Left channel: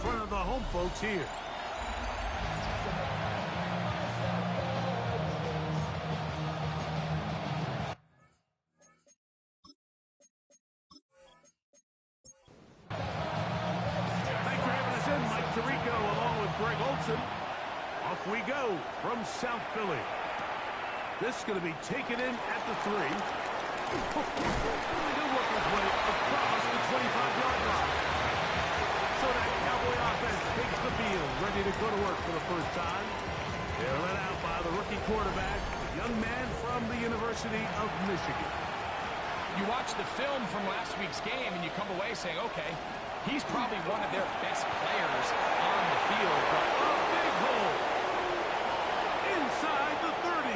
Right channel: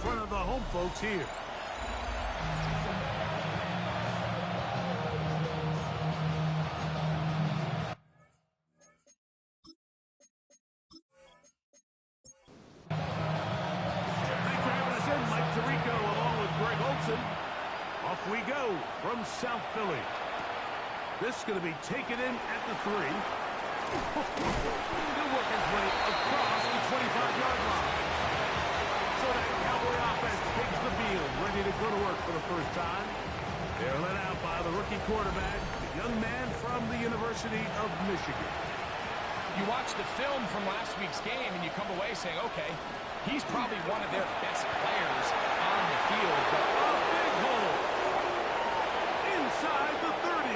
front of the home folks here. Thanks for having us in, Mike Tirico, along with Greg Olson. Off we go from South Philly. This is going to be taken in at the 3. He'll work his way across the 25-yard line. So that Cowboy offense takes the field, ready to go to work for the first time. They're led out by the rookie quarterback, the young man from the University of Michigan. You watch the film from last week's game, and you come away saying, okay, he's probably one of their best players on the field. But a big hole inside the 30.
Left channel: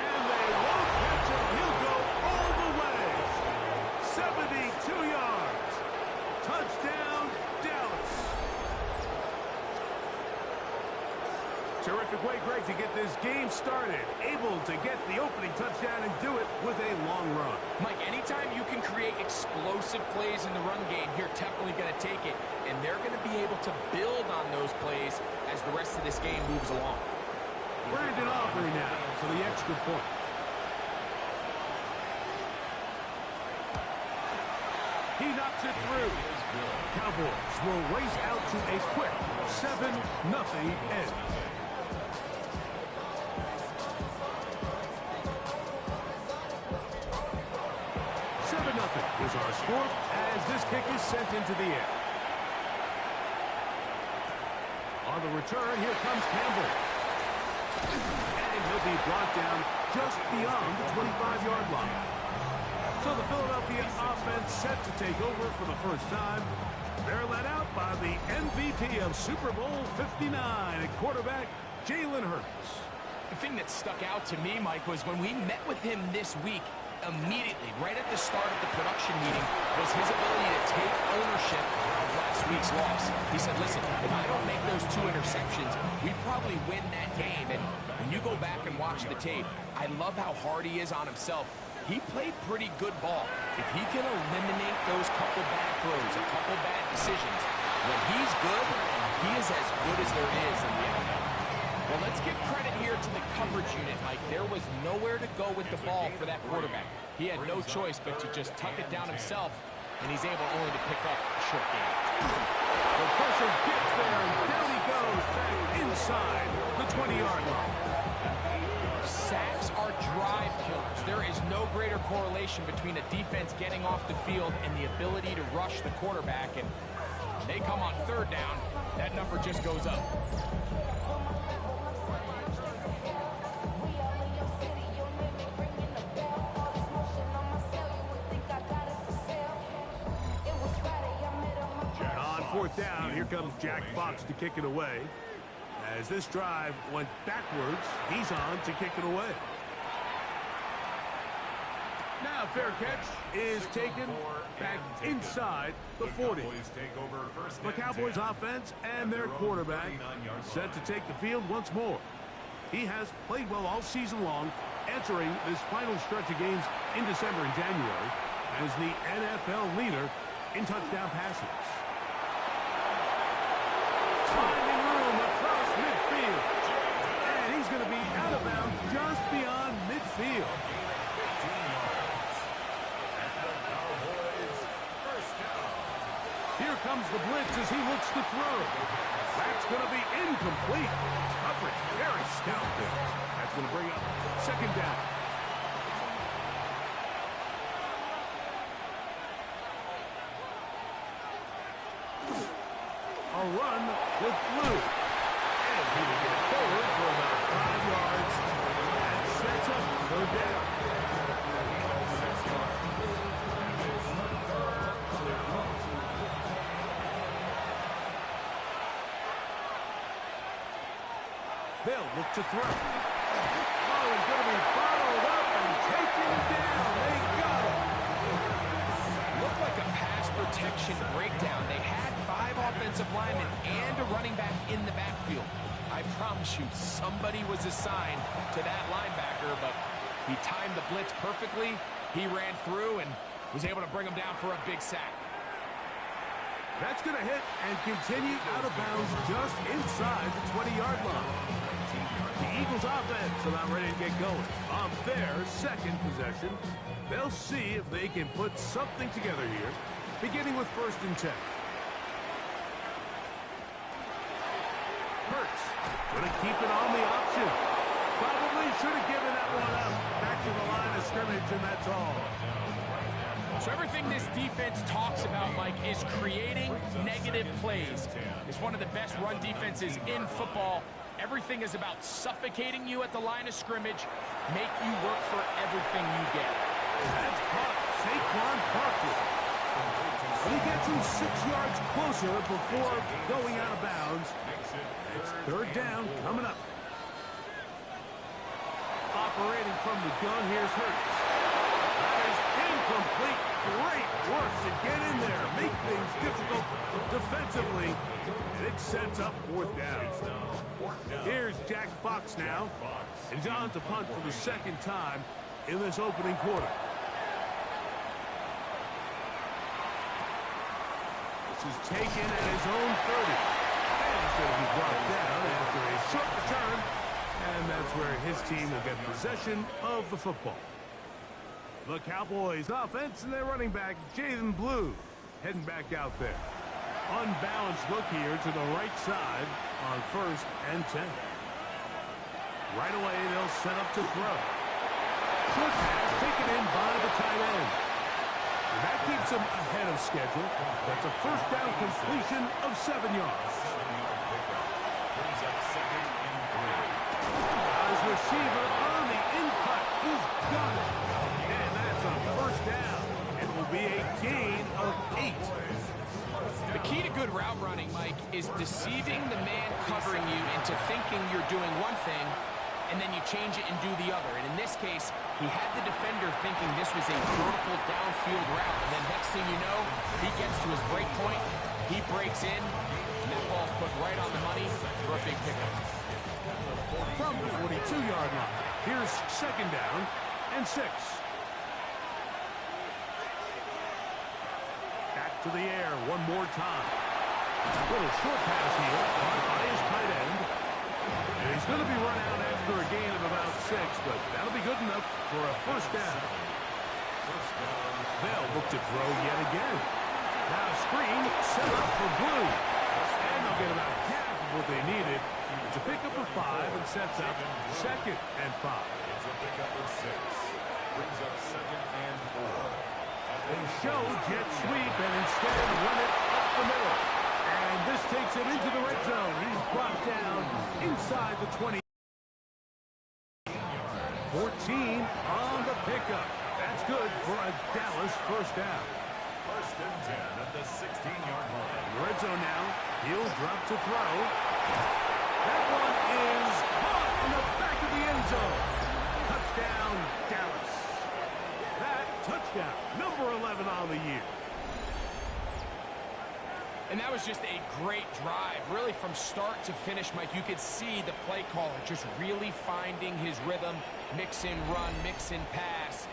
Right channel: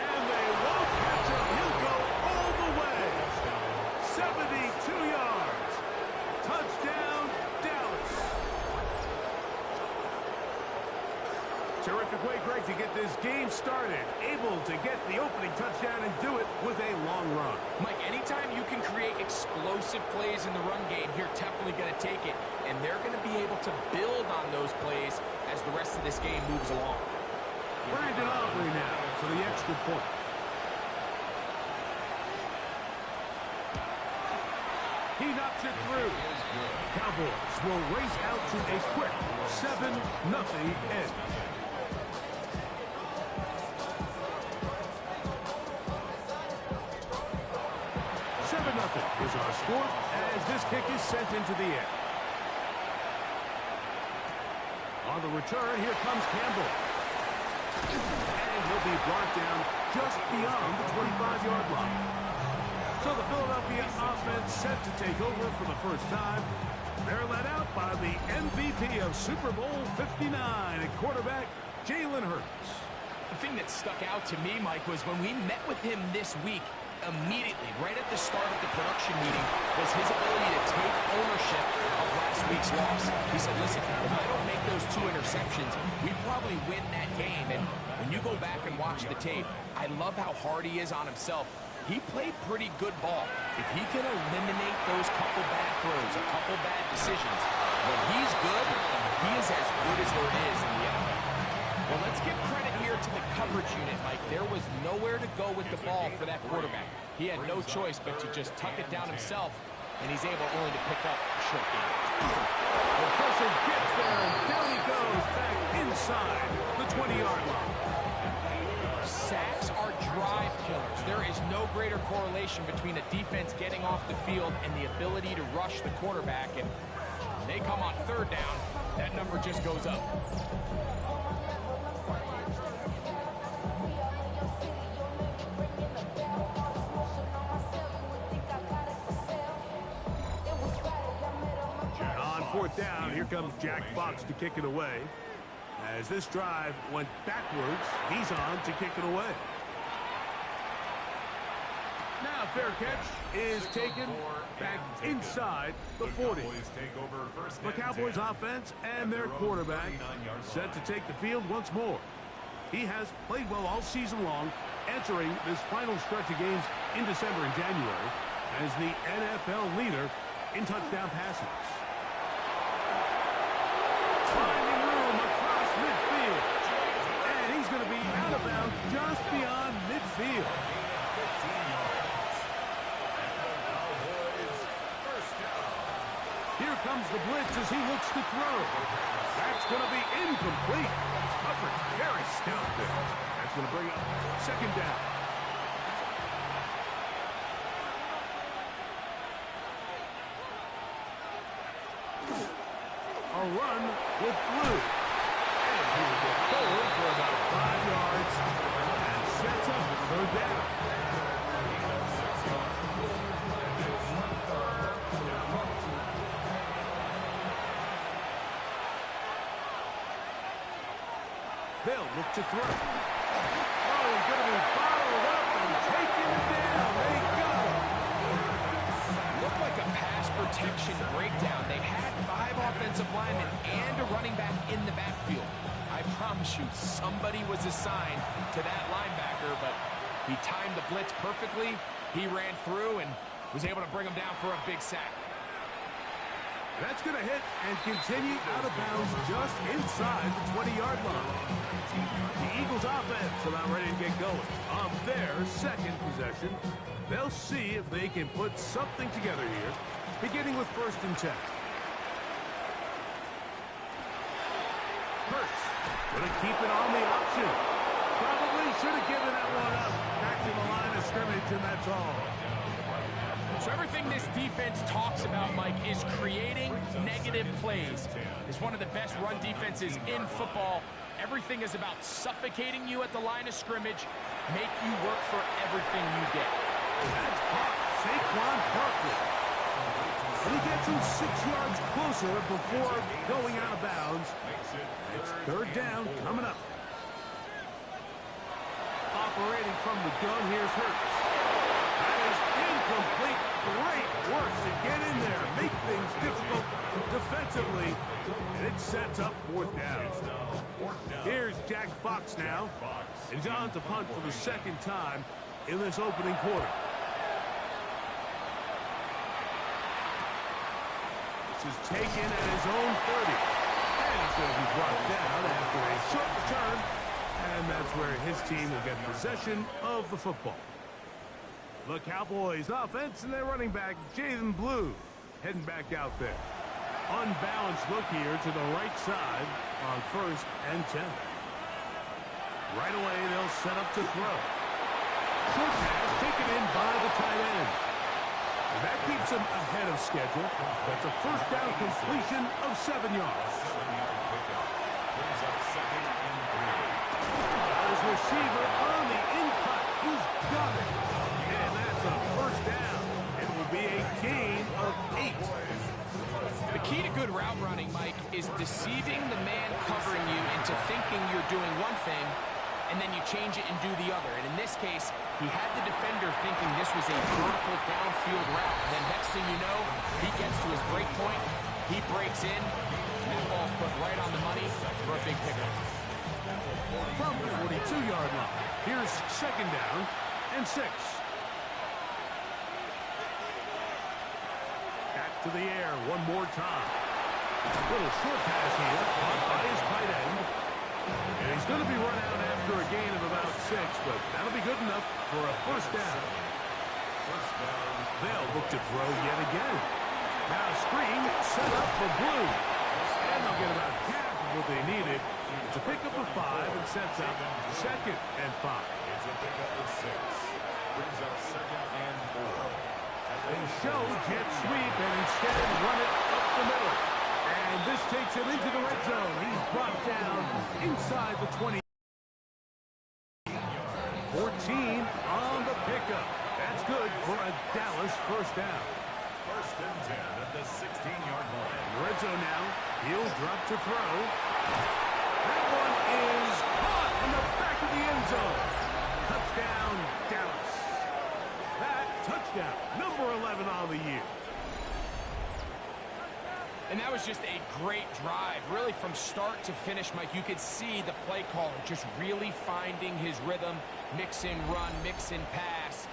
And they won't catch him. He'll go all the way. 72 yards. Touchdown, Dallas. Terrific way, Greg, to get this game started. Able to get the opening touchdown and do it with a long run. Mike, anytime you can create explosive plays in the run game, you're definitely going to take it. And they're going to be able to build on those plays as the rest of this game moves along. Brandon Aubrey now for the extra point. He knocks it through. Cowboys will race out to a quick 7-0 end. 7-0 is our score as this kick is sent into the air. On the return, here comes Campbell. And he'll be brought down just beyond the 25-yard line. So the Philadelphia offense set to take over for the first time. They're led out by the MVP of Super Bowl 59 at quarterback, Jalen Hurts. The thing that stuck out to me, Mike, was when we met with him this week, immediately, right at the start of the production meeting, was his ability to take ownership of last week's loss. He said, listen, if I don't make those 2 interceptions, we probably win that game. And when you go back and watch the tape, I love how hard he is on himself. He played pretty good ball. If he can eliminate those couple bad throws, a couple bad decisions, when he's good, he is as good as there is in the NFL. Well, let's give credit here to the coverage unit, Mike. There was nowhere to go with the ball for that quarterback. He had no choice but to just tuck it down himself, and he's able only to pick up a short game. The pressure gets there, and down he goes back inside the 20-yard line. Sacks are drive killers. There is no greater correlation between a defense getting off the field and the ability to rush the quarterback. And when they come on 3rd down, that number just goes up. On 4th down, here comes Jack Fox to kick it away. As this drive went backwards, he's on to kick it away. Now fair catch is taken back inside the 40. The Cowboys offense and their quarterback set to take the field once more. He has played well all season long, entering this final stretch of games in December and January as the NFL leader in touchdown passes. Finding room across midfield. And he's going to be out of bounds just beyond midfield. Here comes the blitz as he looks to throw. That's going to be incomplete. Coverage very stout there. That's going to bring up 2nd down. A run with Blue. And he will get forward for about 5 yards. That sets up 3rd down. They'll look to throw. Oh, he's going to be bottled up and taken down. They got him. Looked like a pass protection breakdown. They had 5 offensive linemen and a running back in the backfield. I promise you, somebody was assigned to that linebacker, but he timed the blitz perfectly. He ran through and was able to bring him down for a big sack. That's going to hit and continue out of bounds just inside the 20-yard line. The Eagles offense about ready to get going on their second possession. They'll see if they can put something together here, beginning with 1st and 10. Hurts going to keep it on the option. Probably should have given that one up. Back to the line of scrimmage, and that's all. So everything this defense talks about, Mike, is creating negative plays. It's one of the best run defenses in football. Everything is about suffocating you at the line of scrimmage, make you work for everything you get. That's caught. Saquon Barkley. And he gets him 6 yards closer before going out of bounds. It's 3rd down coming up. Operating from the gun, here's Hurts. That is incomplete. Great work to get in there, make things difficult defensively, and it sets up 4th down. Here's Jack Fox now, and he's on to punt for the 2nd time in this opening quarter. This is taken at his own 30, and he's going to be brought down after a short return, and that's where his team will get possession of the football. The Cowboys offense and their running back, Jaden Blue, heading back out there. Unbalanced look here to the right side on 1st and 10. Right away, they'll set up to throw. Short pass taken in by the tight end. And that keeps him ahead of schedule. That's a 1st down completion of 7 yards. His receiver on the in-cut. He's got it. And that's a 1st down. It will be a gain of 8. The key to good route running, Mike, is deceiving the man covering you into thinking you're doing one thing, and then you change it and do the other. And in this case, he had the defender thinking this was a vertical downfield route. And then next thing you know, he gets to his break point, he breaks in, and that ball's put right on the money for a big pickup. From the 42-yard line, here's 2nd down and 6. Back to the air one more time. Little short pass here, caught by his tight end. And he's going to be run out after a gain of about 6, but that'll be good enough for a 1st down. They'll look to throw yet again. Now screen set up for Blue. And they'll get about half of what they needed. It's a pickup of 5 and sets up 2nd and 5. It's a pickup of 6. Brings up 2nd and 4. They show jet sweep and instead run it up the middle. And this takes him into the red zone. He's brought down inside the 20. 14 on the pickup. That's good for a Dallas 1st down. 1st and 10 at the 16-yard line. In the red zone now. He'll drop to throw. That one is caught in the back of the end zone. Touchdown, Dallas. That touchdown, number 11 on the year. And that was just a great drive. Really, from start to finish, Mike, you could see the play caller just really finding his rhythm. Mix in run, mix in pass.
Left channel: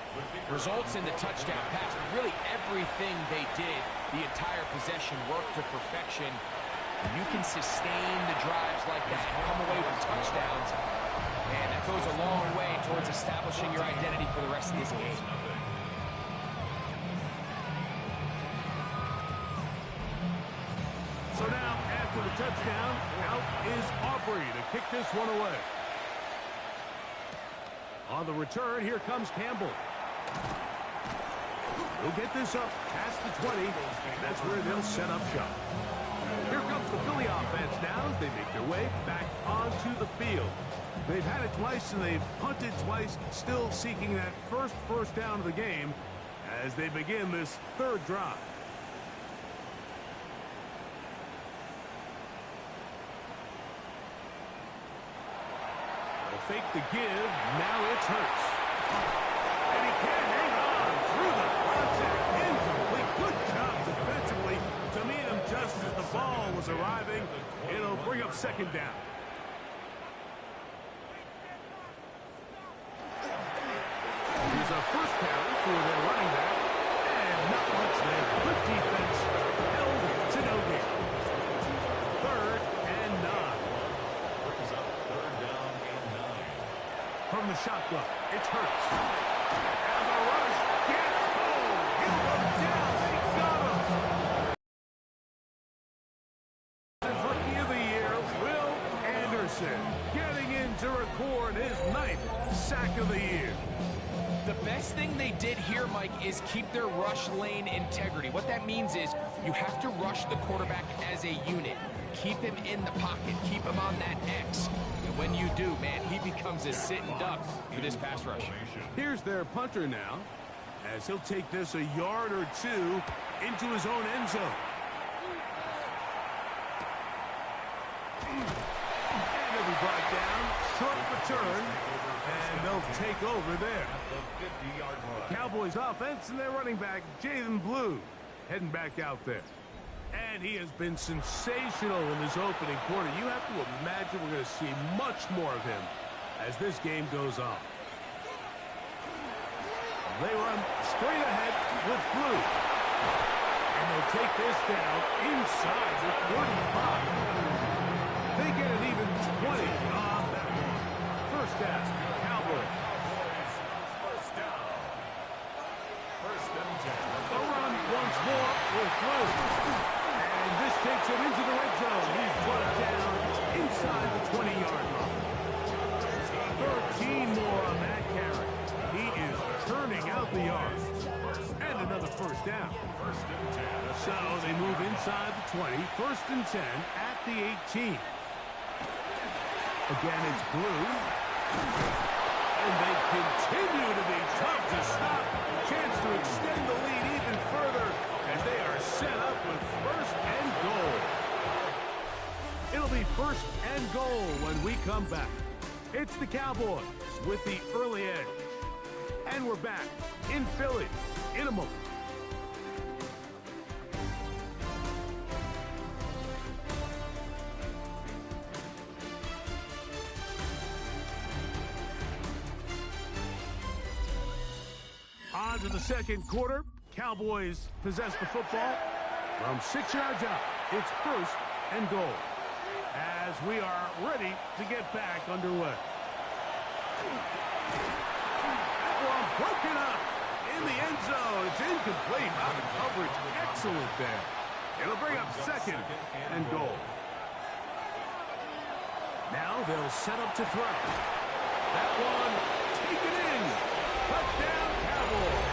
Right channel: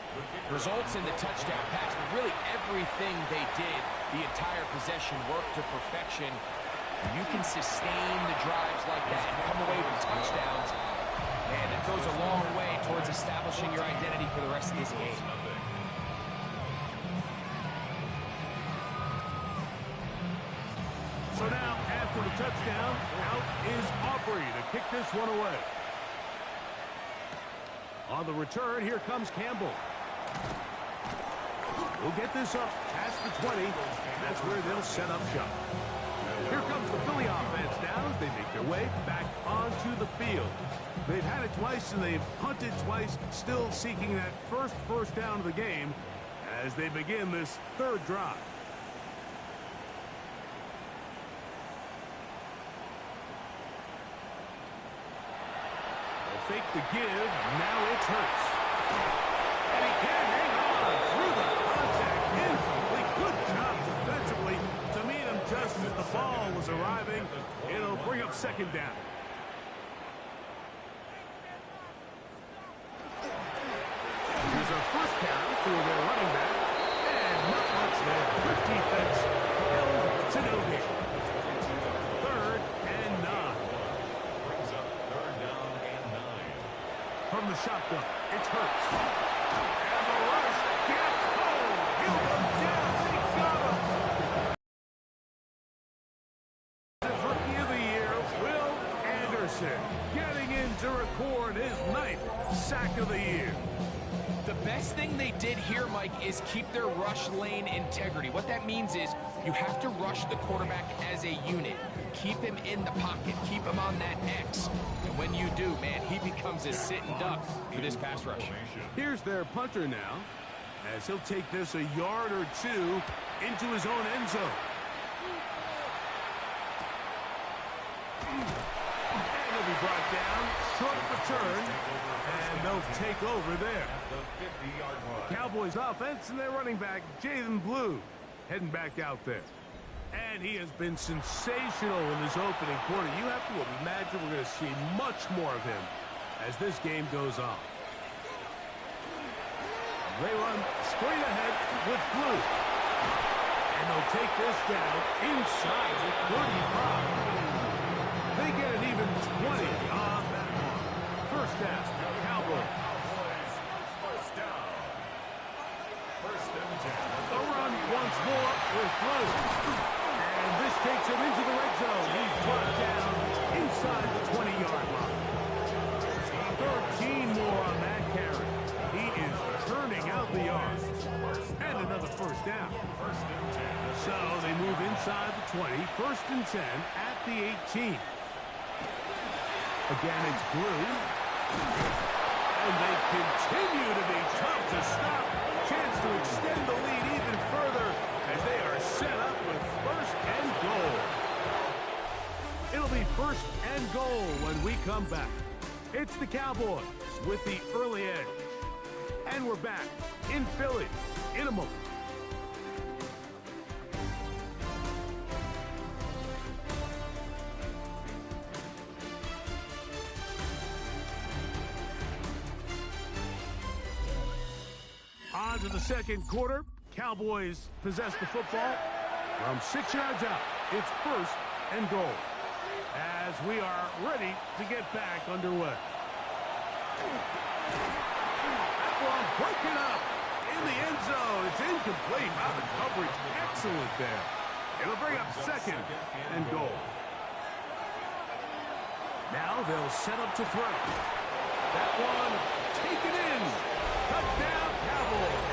Results in the touchdown pass. But really, everything they did, the entire possession, worked to perfection. You can sustain the drives like that and come away with touchdowns. Man, that goes a long way towards establishing your identity for the rest of this game. So now, after the touchdown, out is Aubrey to kick this one away. On the return, here comes Campbell. He'll get this up past the 20. That's where they'll set up shop. Here comes the Philly offense now as they make their way back onto the field. They've had it twice and they've punted twice, still seeking that first down of the game as they begin this 3rd drive. Fake the give. Now it's Hurts. And he can't hang on through the contact. Incomplete. Good job defensively to meet him just as the ball was arriving. It'll bring up 2nd down. Here's a 1st carry for their running back. And Not much there. Good defense. Held to no gain. 3rd and 9. Brings up 3rd down and 9. From the shotgun, it's Hurts. And the rush gets home. He'll go down. They got him. His rookie of the year, Will Anderson, getting in to record his 9th sack of the year. The best thing they did here, Mike, is keep their rush lane integrity. What that means is you have to rush the quarterback as a unit. Keep him in the pocket. Keep him on that X. And when you do, man, he becomes a sitting duck for this pass rush. Here's their punter now, as he'll take this a yard or two into his own end zone. And he'll be brought down. Short return. And they'll take over there. The 50-yard line. Cowboys offense and their running back, Jalen Blue, heading back out there. And he has been sensational in this opening quarter. You have to imagine we're going to see much more of him as this game goes on. They run straight ahead with Blue. And they'll take this down inside the 35. They get an even 20 on that one. First down, Cowboys. First down. 1st and 10. A run once more with Blue. And this takes him into the red zone. He's brought down inside the 20-yard line. 13 more on that carry. He is turning out the yards. And another first down. 1st and 10. So they move inside the 20. 1st and 10 at the 18. Again, it's Blue. And they continue to be tough to stop. Chance to extend the lead even further as they are set up with 1st and goal. It'll be 1st and goal when we come back. It's the Cowboys with the early edge. And we're back in Philly in a moment. On to the second quarter. Cowboys possess the football from 6 yards out. It's 1st and goal as we are ready to get back underway. That one broken up in the end zone. It's incomplete. Out of coverage. Excellent there. It'll bring up 2nd and goal. Now they'll set up to throw. That one taken in. Touchdown, Cowboys.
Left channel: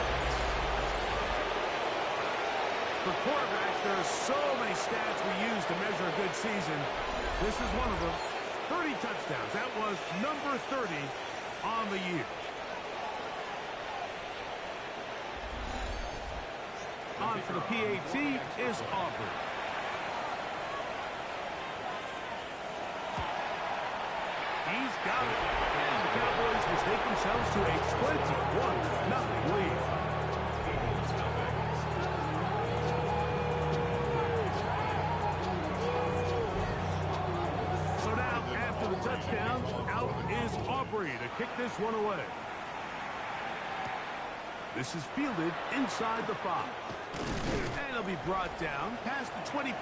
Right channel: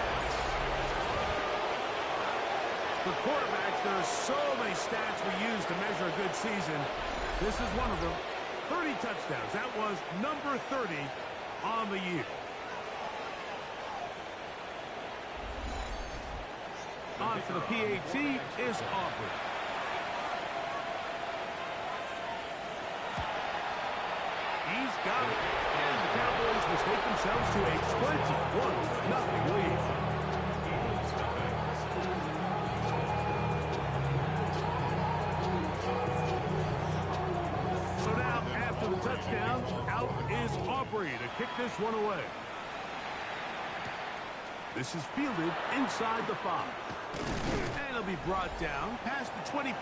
For quarterbacks, there are so many stats we use to measure a good season. This is one of them. 30 touchdowns. That was number 30 on the year. On for the PAT is Aubrey. He's got it. And the Cowboys will take themselves to a 21-0 lead. So now, after the touchdown, out is Aubrey to kick this one away. This is fielded inside the 5. And it'll be brought down past the 25.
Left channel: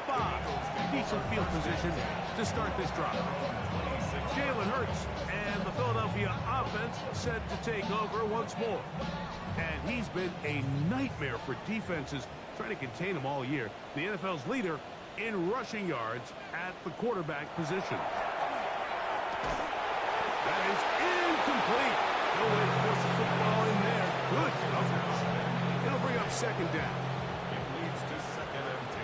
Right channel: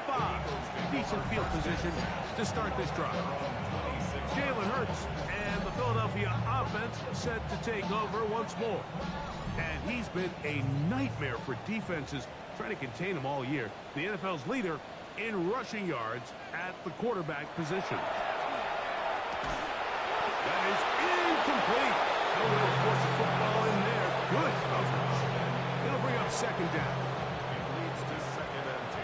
Decent field position to start this drive. Jalen Hurts and the Philadelphia offense set to take over once more. And he's been a nightmare for defenses trying to contain him all year. The NFL's leader in rushing yards at the quarterback position. That is incomplete. No way to force the football in there. Good coverage. It'll bring up 2nd down. It leads to 2nd and 10.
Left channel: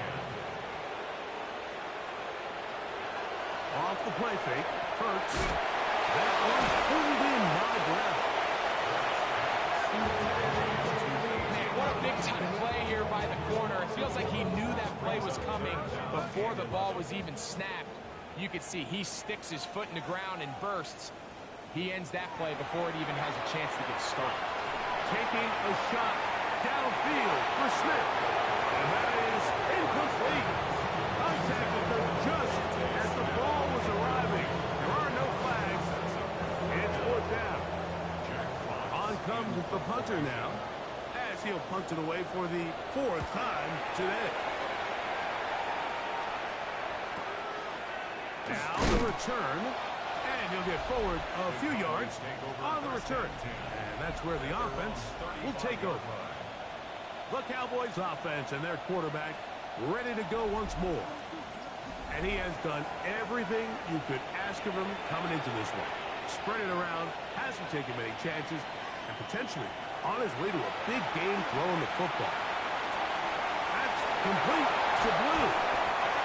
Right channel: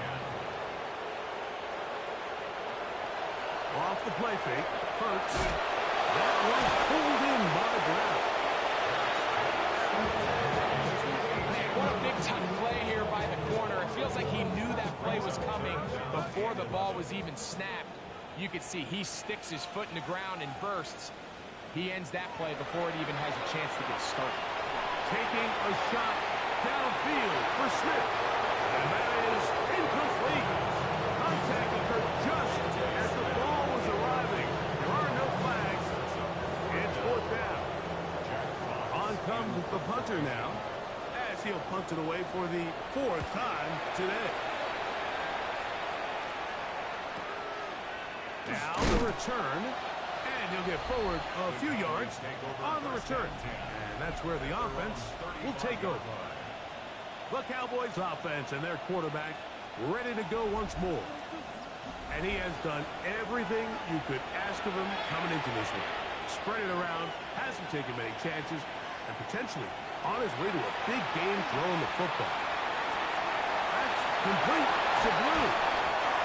Off the play fake. Hurts. That one pulled in by Brown. Man, what a big-time play here by the corner. It feels like he knew that play was coming before the ball was even snapped. You could see he sticks his foot in the ground and bursts. He ends that play before it even has a chance to get started. Taking a shot downfield for Smith. And that is incomplete. Contact occurred just as the ball was arriving. There are no flags. It's 4th down. On comes the punter now as he'll punt it away for the 4th time today. Now the return, and he'll get forward a few yards on the return. And that's where the offense will take over. The Cowboys offense and their quarterback ready to go once more. And he has done everything you could ask of him coming into this one. Spread it around, hasn't taken many chances, and potentially on his way to a big game throwing the football. That's complete to Blue.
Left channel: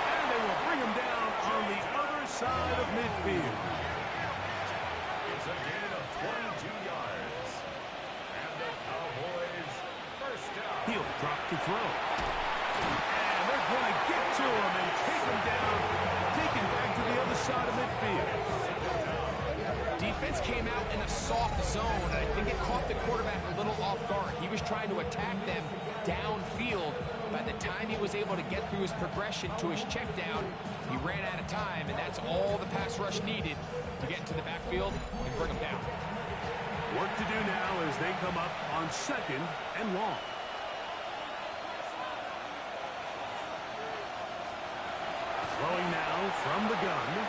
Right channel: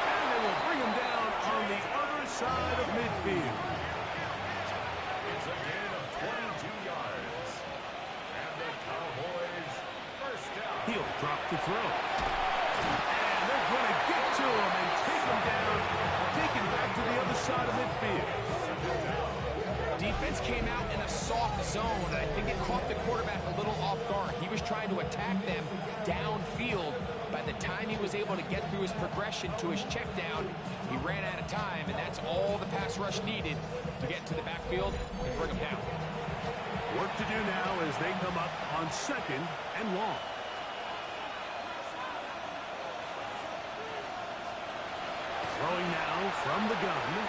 And they will bring him down on the other side of midfield. It's a gain of 22 yards. And the Cowboys first down. He'll drop to throw. And they're going to get to him and take him down, taken back to the other side of midfield. Defense came out in a soft zone, and I think it caught the quarterback a little off guard. He was trying to attack them downfield. By the time he was able to get through his progression to his check down, he ran out of time, and that's all the pass rush needed to get into the backfield and bring him down. Work to do now as they come up on 2nd and long. Throwing now from the gun.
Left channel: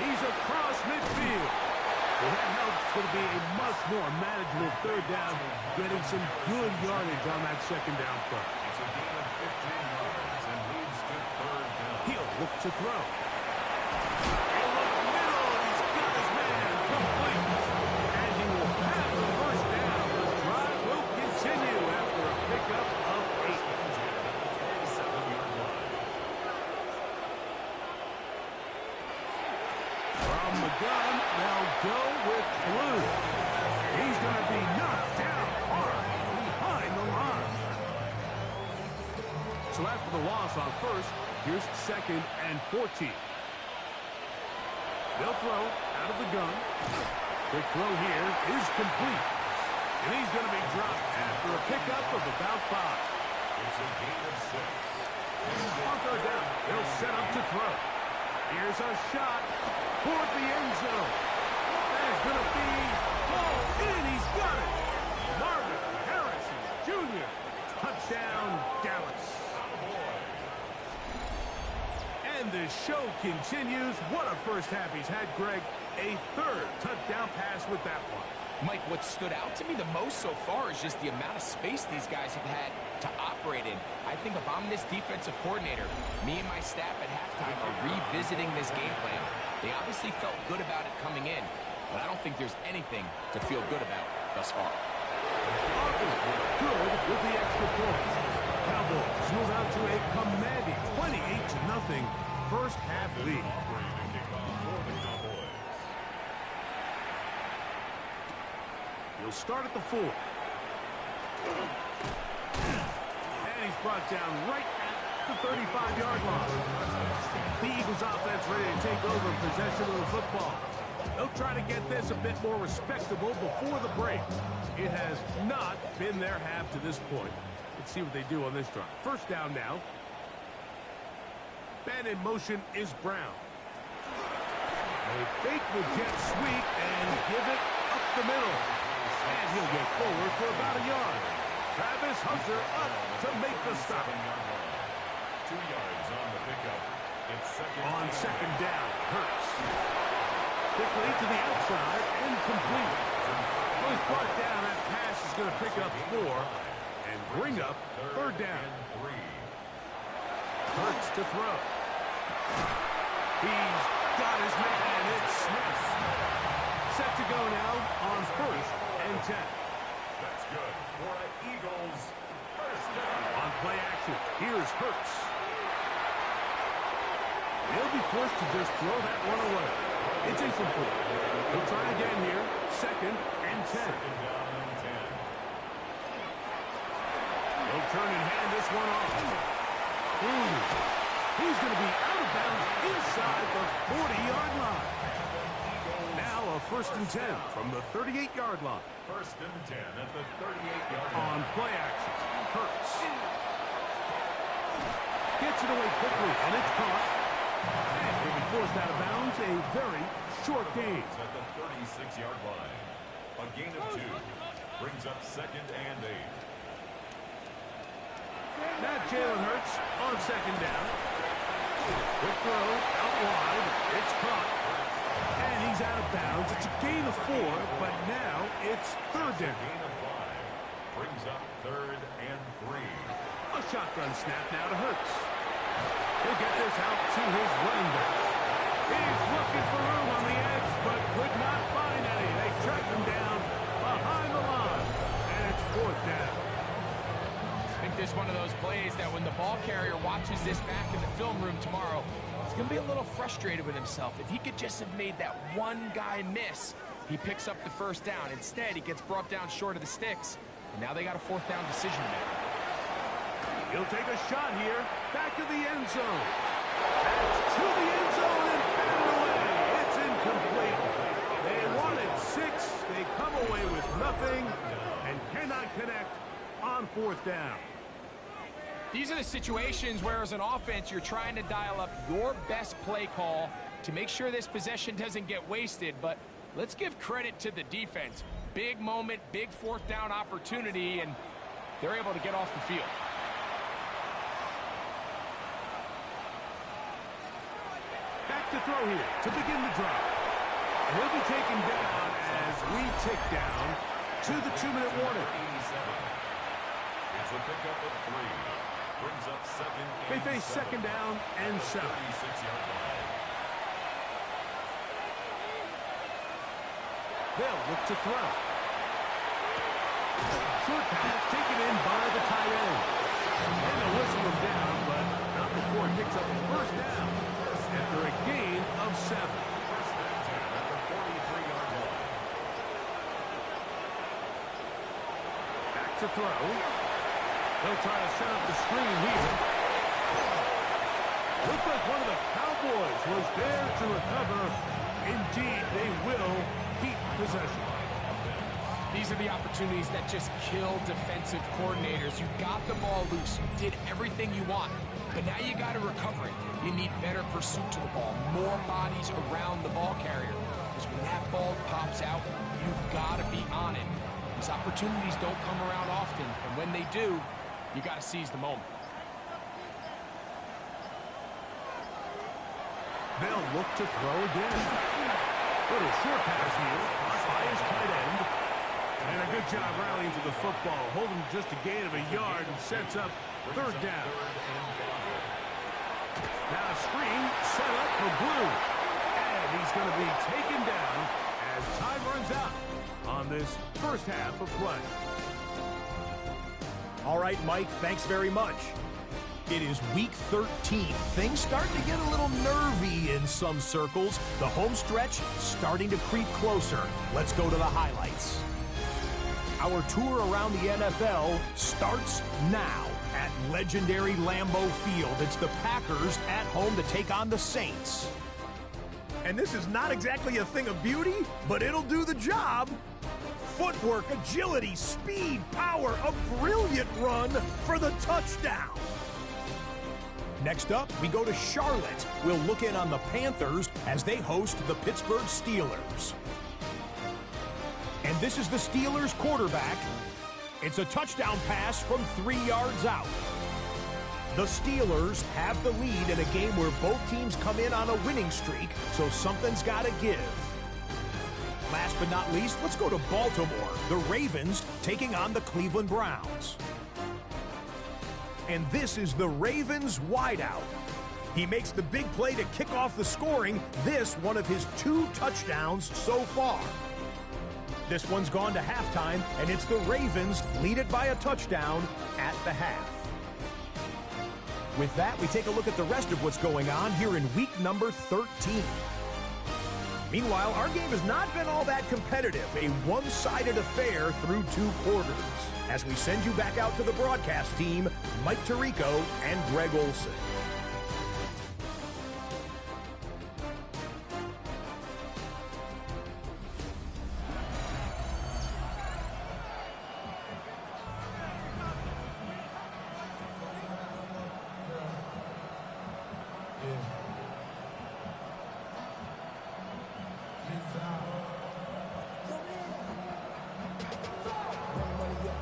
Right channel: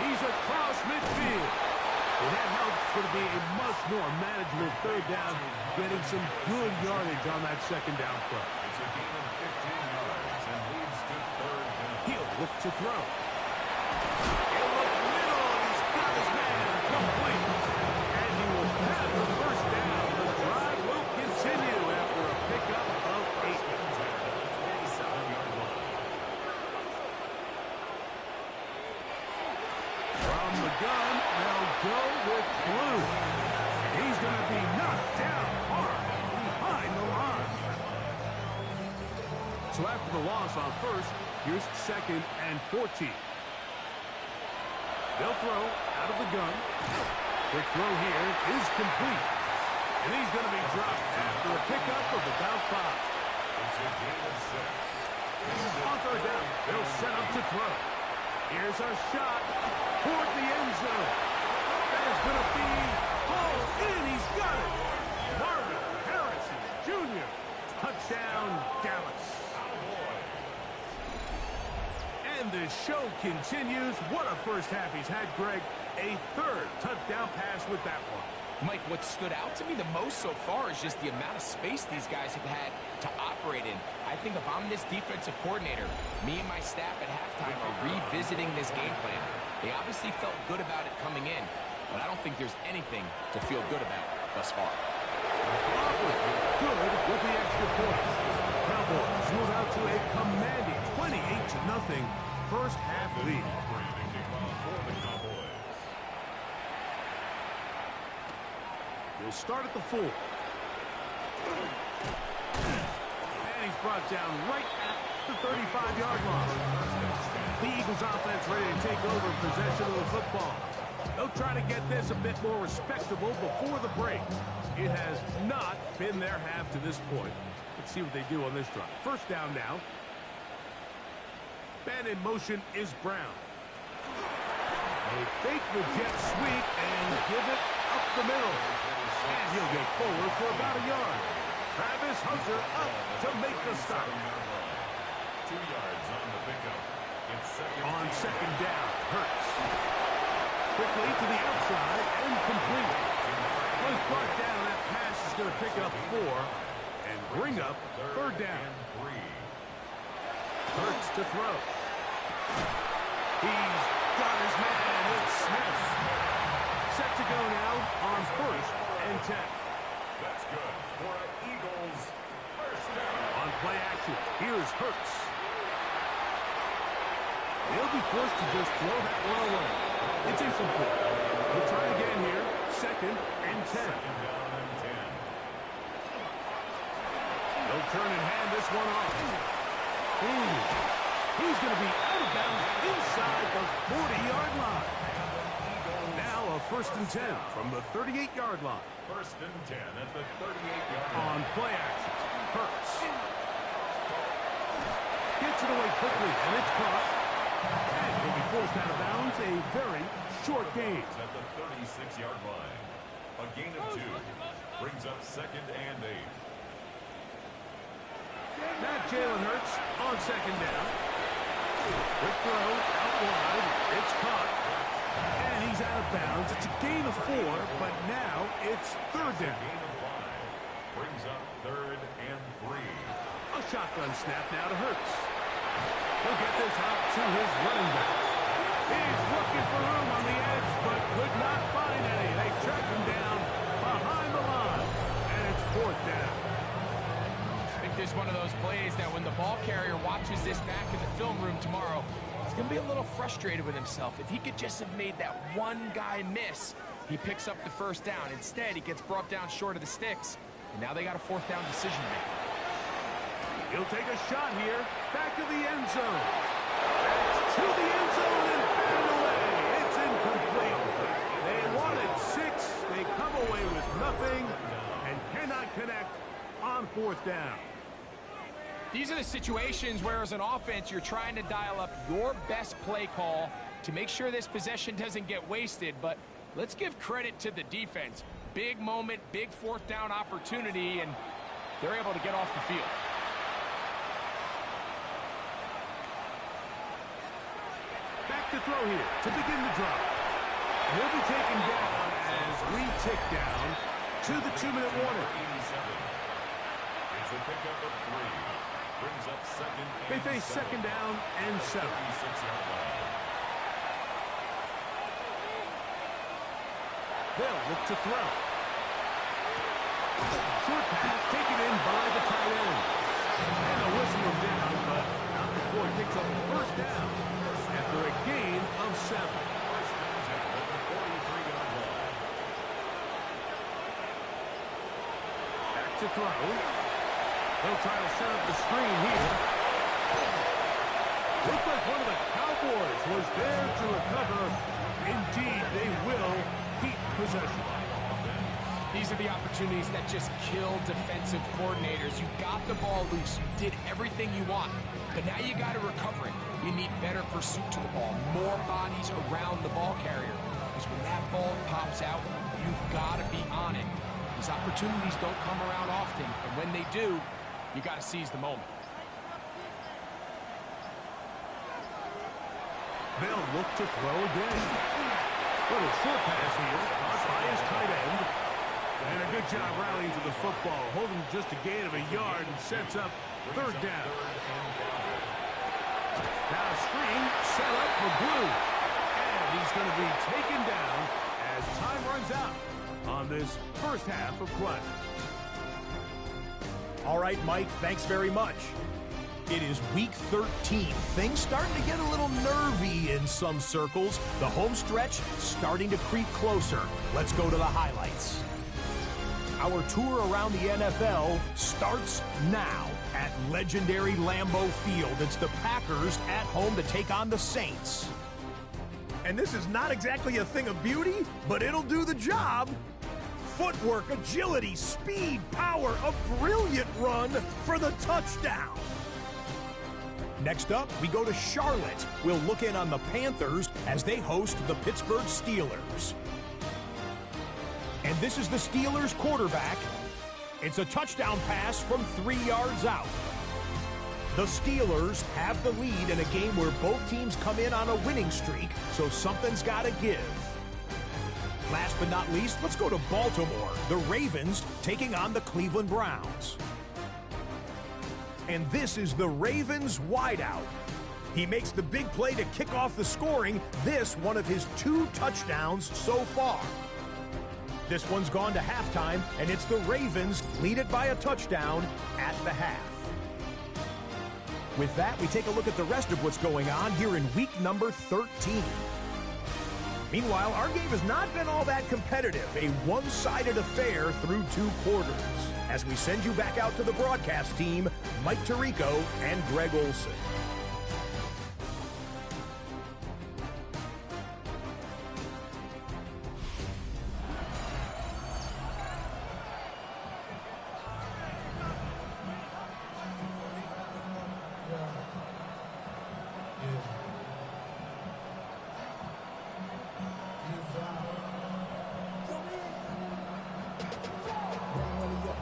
He's across midfield. Well, that helps to be a much more manageable 3rd down, getting some good yardage on that 2nd down play. It's a gain of 15 yards and leads to 3rd down. He'll look to throw. He'll look middle, and he's got his man complete. And he will have the 1st down. The drive will continue after a pickup of 8. 27-yard line. From the gun, they'll go with Blue. He's going to be knocked down hard behind the line. So after the loss on 1st, here's 2nd and 14. They'll throw out of the gun. Quick throw here is complete. And he's going to be dropped after a pickup of about 5. It's a gain of 6. On 3rd down, they'll set up to throw. Here's a shot toward the end zone. That is going to be hauled in. He's got it. Marvin Harrison Jr. Touchdown, Dallas. And the show continues. What a first half he's had, Greg. A 3rd touchdown pass with that one. Mike, what stood out to me the most so far is just the amount of space these guys have had to operate in. I think if I'm this defensive coordinator, me and my staff at halftime are revisiting this game plan. They obviously felt good about it coming in, but I don't think there's anything to feel good about thus far. Aubrey, good with the extra points. Cowboys move out to a commanding 28-0 first half lead. He'll start at the 4. And he's brought down right at the 35-yard line. The Eagles offense ready to take over possession of the football. They'll try to get this a bit more respectable before the break. It has not been their half to this point. Let's see what they do on this drive. 1st down now. Man in motion is Brown. They fake the jet sweep and give it up the middle. And he'll get forward for about a yard. Travis Hunter up to make the stop. 2 yards on the pickup. It's on 2nd down, Hurts. Quickly to the outside and complete. Was brought down. That pass is going to pick up 4 and bring up 3rd down. Hurts to throw. He's got his man. It's Smith. Set to go now on 1st and 10. That's good for an Eagles 1st down. On play action, here's Hurts. He'll be forced to just throw that one away. It's incomplete. We'll try again here. 2nd and 10. 2nd down and 10. He'll turn and hand this one off. He's going to be out of bounds inside the 40-yard line. Now a 1st and 10 from the 38-yard line. 1st and 10 at the 38-yard line. On play action, Hurts. Gets it away quickly, and it's caught. And he'll be forced out of bounds. A very short gain. At the 36-yard line. A gain of 2. Brings up 2nd and 8. Now Jalen Hurts on second down. Quick throw, out wide. It's caught. And he's out of bounds. It's a gain of 4, but now it's third down. Gain of 5. Brings up 3rd and 3. A shotgun snap now to Hurts. He'll get this out to his running back. He's looking for room on the edge, but could not find any. They track him down behind the line, and it's 4th down. I think this is one of those plays that when the ball carrier watches this back in the film room tomorrow, he's going to be a little frustrated with himself. If he could just have made that one guy miss, he picks up the first down. Instead, he gets brought down short of the sticks, and now they got a 4th down decision to make. He'll take a shot here, back to the end zone. That's to the end zone and batted away. It's incomplete. They wanted 6. They come away with nothing and cannot connect on 4th down. These are the situations where, as an offense, you're trying to dial up your best play call to make sure this possession doesn't get wasted. But let's give credit to the defense. Big moment, big 4th down opportunity, and they're able to get off the field. Back to throw here to begin the drive. And he'll be taken down as we tick down to the 2-minute warning. 87. It's a pickup of 3. Brings up 2nd and They face 7. 2nd down and 7. 36-yard line. They'll look to throw. Short pass taken in by the tight end. And they'll whistle him down, but not before he picks up a 1st down after a gain of 7. 1st and 10 at the 43-yard line. Back to throw. They'll try to set up the screen here. Looks like one of the Cowboys was there to recover. Indeed, they will keep possession. These are the opportunities that just kill defensive coordinators. You got the ball loose. You did everything you want. But now you got to recover it. You need better pursuit to the ball. More bodies around the ball carrier. Because when that ball pops out, you've got to be on it. These opportunities don't come around often. And when they do, you got to seize the moment. They'll look to throw again. Little short pass here, caught by his tight end. And a good job rallying to the football, holding just a gain of a yard and sets up 3rd down. Now a screen set up for Blue. And he's going to be taken down as time runs out on this first half of play. All right, Mike, thanks very much. It is week 13. Things starting to get a little nervy in some circles. The home stretch starting to creep closer. Let's go to the highlights. Our tour around the NFL starts now at legendary Lambeau Field. It's the Packers at home to take on the Saints. And this is not exactly a thing of beauty, but it'll do the job. Footwork, agility, speed, power, a brilliant run for the touchdown. Next up, we go to Charlotte. We'll look in on the Panthers as they host the Pittsburgh Steelers. And this is the Steelers quarterback. It's a touchdown pass from 3 yards out. The Steelers have the lead in a game where both teams come in on a winning streak, so something's got to give. Last but not least, let's go to Baltimore. The Ravens taking on the Cleveland Browns. And this is the Ravens wideout. He makes the big play to kick off the scoring. This one of his 2 touchdowns so far. This one's gone to halftime, and it's the Ravens lead it by a touchdown at the half. With that, we take a look at the rest of what's going on here in week number 13. Meanwhile, our game has not been all that competitive, a one-sided affair through 2 quarters. As we send you back out to the broadcast team, Mike Tirico and Greg Olson.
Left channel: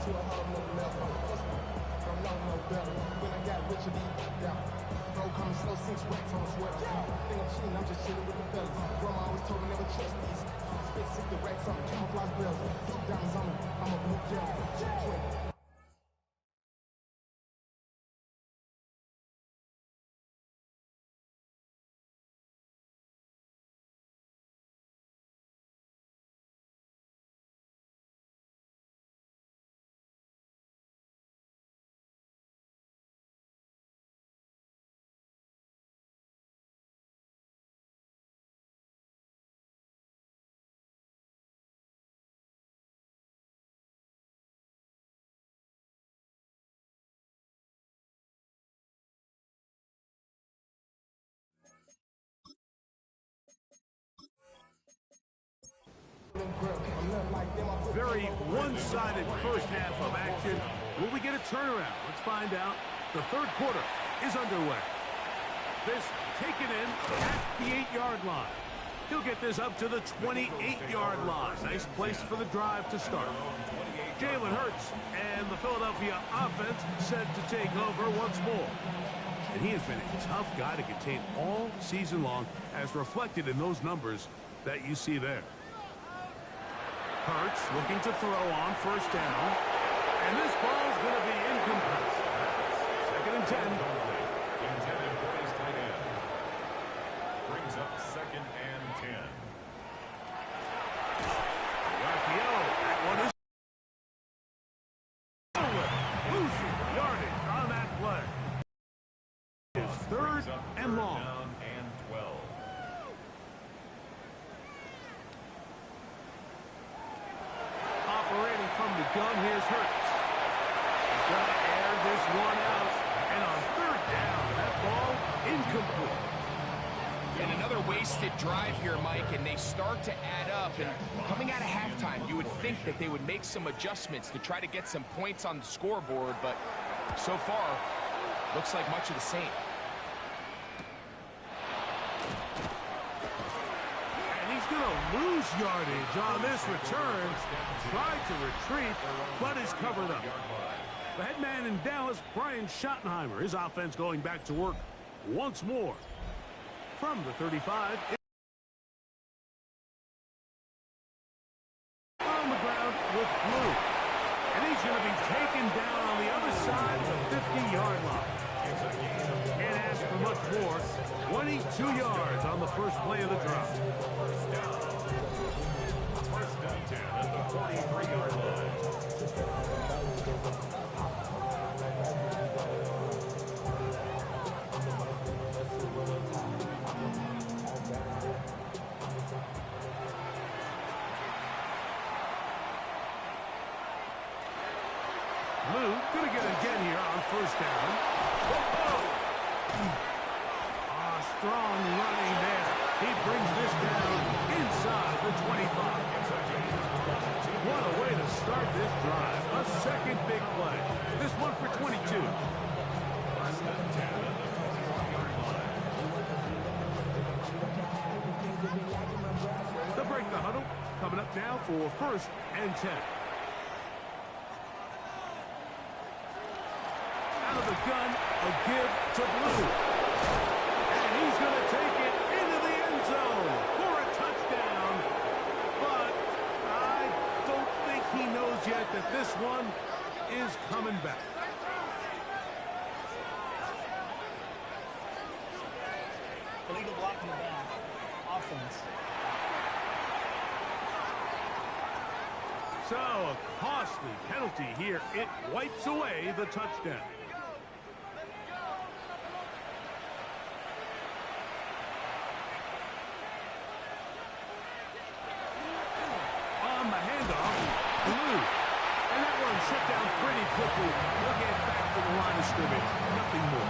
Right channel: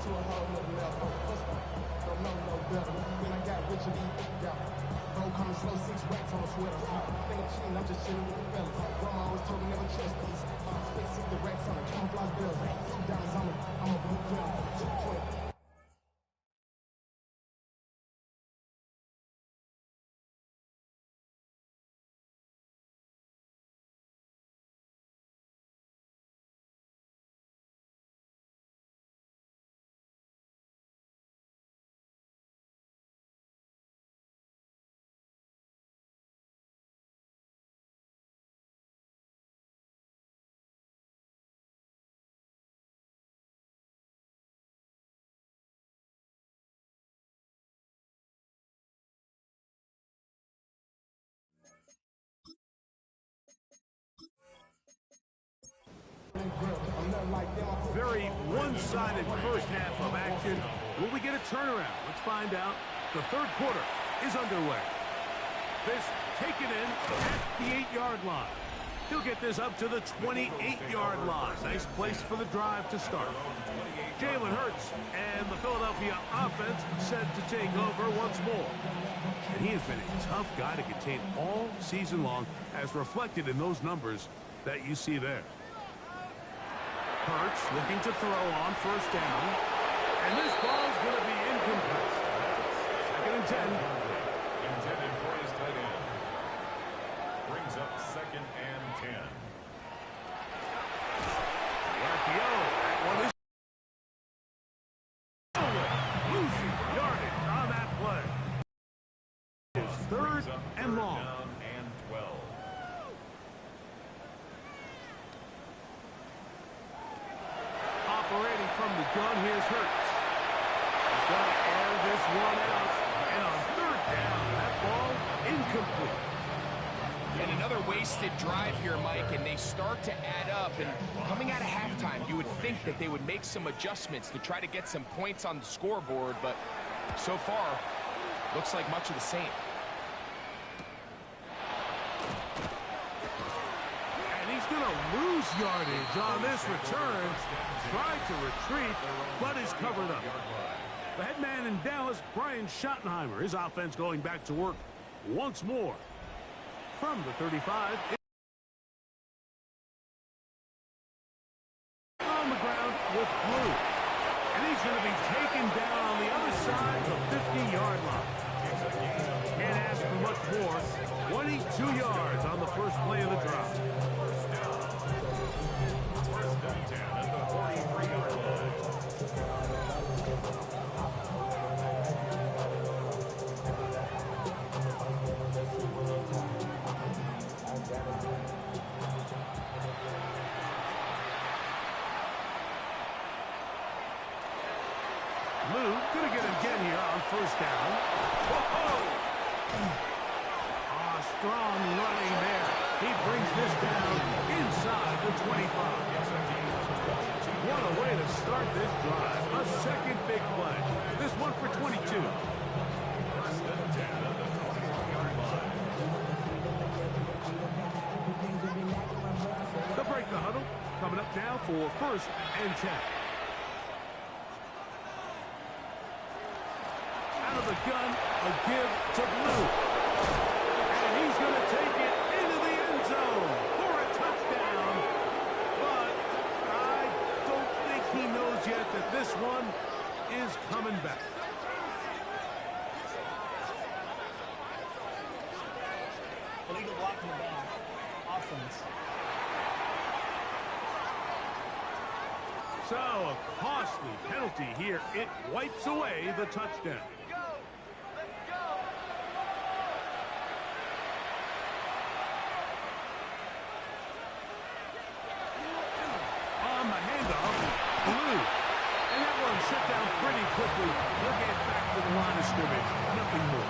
To a whole nother level. From no better. When I got richer, bro, coming slow, 6 racks on a sweater. Think I'm cheating, I'm just chilling with the fellas. Grandma always told me never trust these. Spent 60 racks on a camouflage bells. 2 diamonds on me, I'm a blue gem. 220. Very one-sided first half of action. Will we get a turnaround? Let's find out. The third quarter is underway. This taken in at the 8-yard line. He'll get this up to the 28-yard line. Nice place for the drive to start. Jalen Hurts and the Philadelphia offense set to take over once more. And he has been a tough guy to contain all season long, as reflected in those numbers that you see there. Hurts looking to throw on first down. And this ball's going to be incomplete. 2nd and 10. Intended for his tight end. Brings up 2nd and 10. The RPO. That one is losing yardage on that play. It's 3rd and long. Down and 12. Operating from the gun, here's Hurts. He's going to air this one out. And on 3rd down, that ball incomplete. And another wasted drive here, Mike, and they start to add up. And coming out of halftime, you would think that they would make some adjustments to try to get some points on the scoreboard, but so far, looks like much of the same. And he's going to lose yardage on this return. Tried to retreat, but is covered up. The head man in Dallas, Brian Schottenheimer, his offense going back to work once more. From the 35, on the ground with Blue. And he's going to be taken down on the other side of the 50-yard line. Can't ask for much more. 22 yards on the first play of the drive. First down 10 at the 43-yard line. Lou gonna get it again here on first down. Whoa! Strong running there. He brings this down inside the 25. What a way to start this drive. A second big play. This one for 22. First and 10 at the 21-yard line. They'll break the huddle. Coming up now for 1st and 10. Out of the gun, a give to Blue. And he's going to take it into the end zone for a touchdown. But I don't think he knows yet that this one is coming back. Illegal block in the back. Offense. So a costly penalty here. It wipes away the touchdown. On the handoff, Blue. And that one shut down pretty quickly. He'll get back to the line of scrimmage. Nothing more.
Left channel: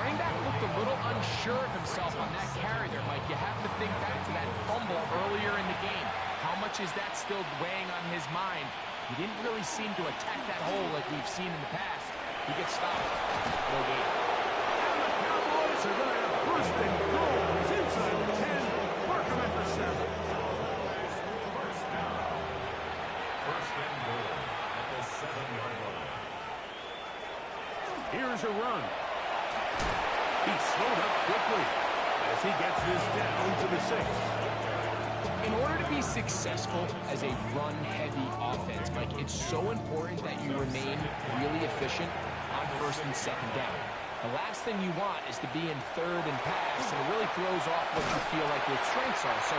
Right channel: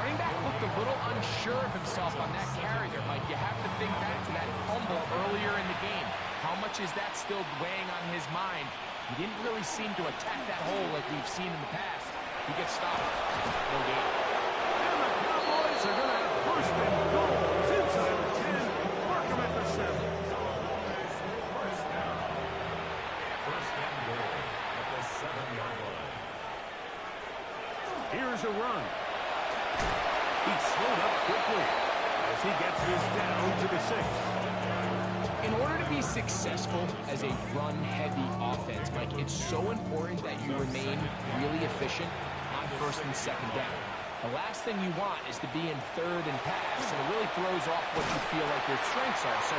Running back looked a little unsure of himself on that carry there, Mike. You have to think back to that fumble earlier in the game. How much is that still weighing on his mind? He didn't really seem to attack that hole like we've seen in the past. He gets stopped. No gain. And the Cowboys are going to have 1st and goal. He's inside the 10. Mark him at the 7. First down. 1st and goal at the 7-yard line. Here's a run. He's slowed up quickly as he gets this down to the 6. In order to be successful as a run-heavy offense, Mike, it's so important that you remain really efficient on first and second down. The last thing you want is to be in third and pass, and it really throws off what you feel like your strengths are. So